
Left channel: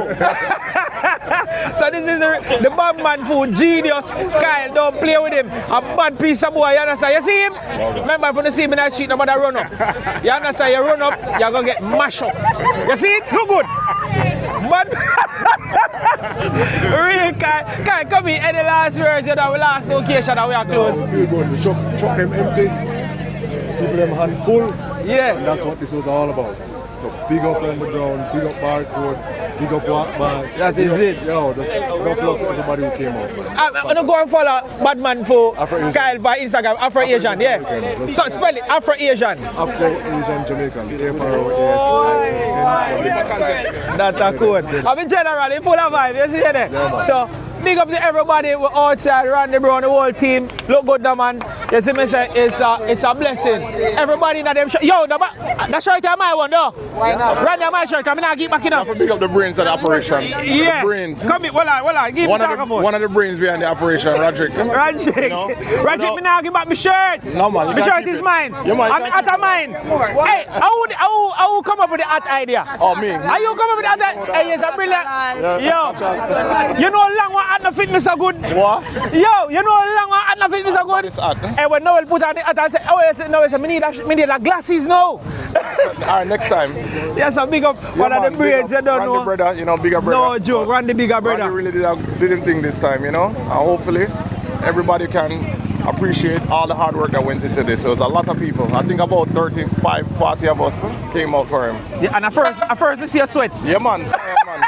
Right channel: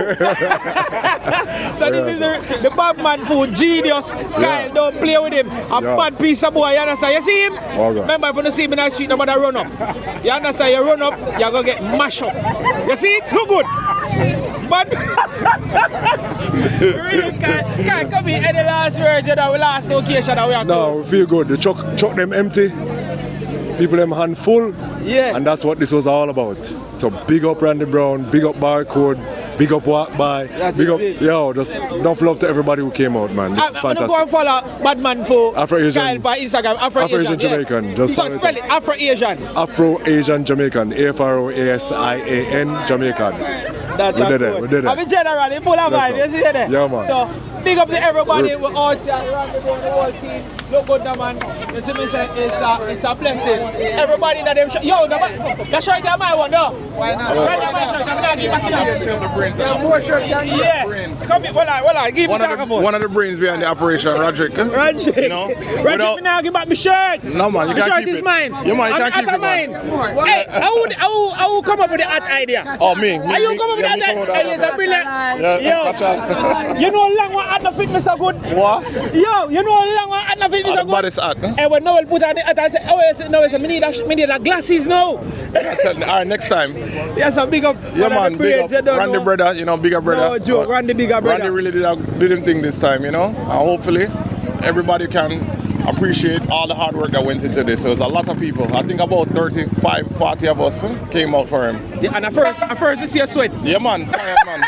So this is the bad man fool, genius. Kyle, don't play with him. A bad piece of boy, you understand? You see him? Remember, if you see him in the street, nobody run up. You understand? You run up, you're going to get mashed up. You see it? Look good. But really, Kyle, come here. Any last words in our last location that we have No, we feel good. The truck them empty. People them hand full. Yeah. And that's what this was all about. So big up Randy Brown, big up Barcode, big up Walk By. That is it. Yo, just enough love to everybody who came out, man. This is I'm fantastic. going to follow Badman for Afro-Asian. Kyle by Instagram. Afro-Asian, Jamaican. Yeah. Just So spell it, Afro-Asian. Afro-Asian Jamaican. AFROASIAN Jamaican. That's good. I'm in general, in full of vibe, you see there? Yeah, man. So big up to everybody who outside, Randy Brown, the whole team. Look good, the man. You see me say, it's a blessing. Everybody that them yo, the shirt I my one, no? Why not? Right now, my shirt, I'm going to get back in up. Pick up the brains and operation. Yeah. Brains. Come here, hold on, give me talk about. One of the brains behind the operation, Roderick. Roderick. You know? Roderick, me now give back my shirt. No, man, you the can't shirt keep is it. mine. Yeah, man, you can't keep it. Mine. Hey, how come up with the art idea? Oh, me. Are you come up with that idea? Hey, is that brilliant? Yeah, you know long one at the fitness are good. What? Yo, you know long one at the fitness are good. But it's art. Hey, when Noel put on the art, I say, oh yes, no, it's me need like glasses now. Alright, next time. Yes, a big up. Yeah, man, big up. Randy brother, you know, bigger brother. No joke, Randy bigger brother. Randy really did him thing this time, you know. And hopefully, everybody can appreciate all the hard work that went into this. So it was a lot of people. I think about 35, 40 of us came out for him. Yeah, and at first we see a sweat. Yeah, man. Yeah, man.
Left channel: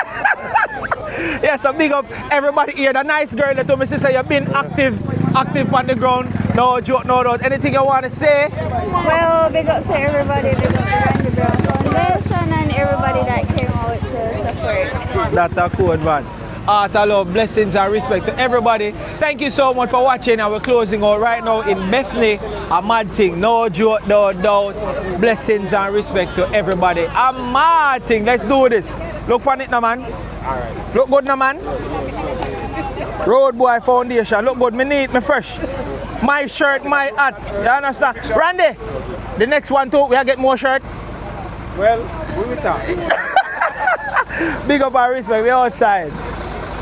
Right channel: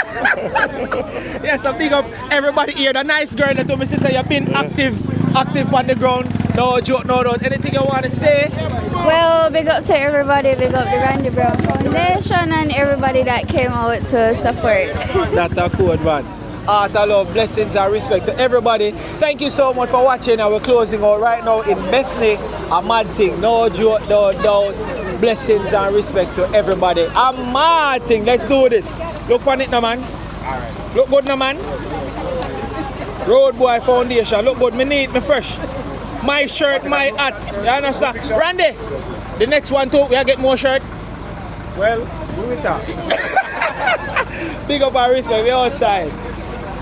Yes, so big up everybody here. The nice girl that told me, sister, you've been active on the ground. No joke, no doubt. Anything you want to say? Well, big up to everybody, big up the Randy Brown Foundation and everybody that came out to support. That's a cool man. Art, love, blessings and respect to everybody. Thank you so much for watching. And we're closing out right now in Bethany. A mad thing. No joke, no doubt. Blessings and respect to everybody. A mad thing. Let's do this. Look on it now, man. Alright. Look good now, man. Road Boy Foundation. Look good. Me neat, me fresh. My shirt, my hat. You understand? Randy, the next one too, we'll get more shirt. Well, we will talk. Big up our respect. We're outside.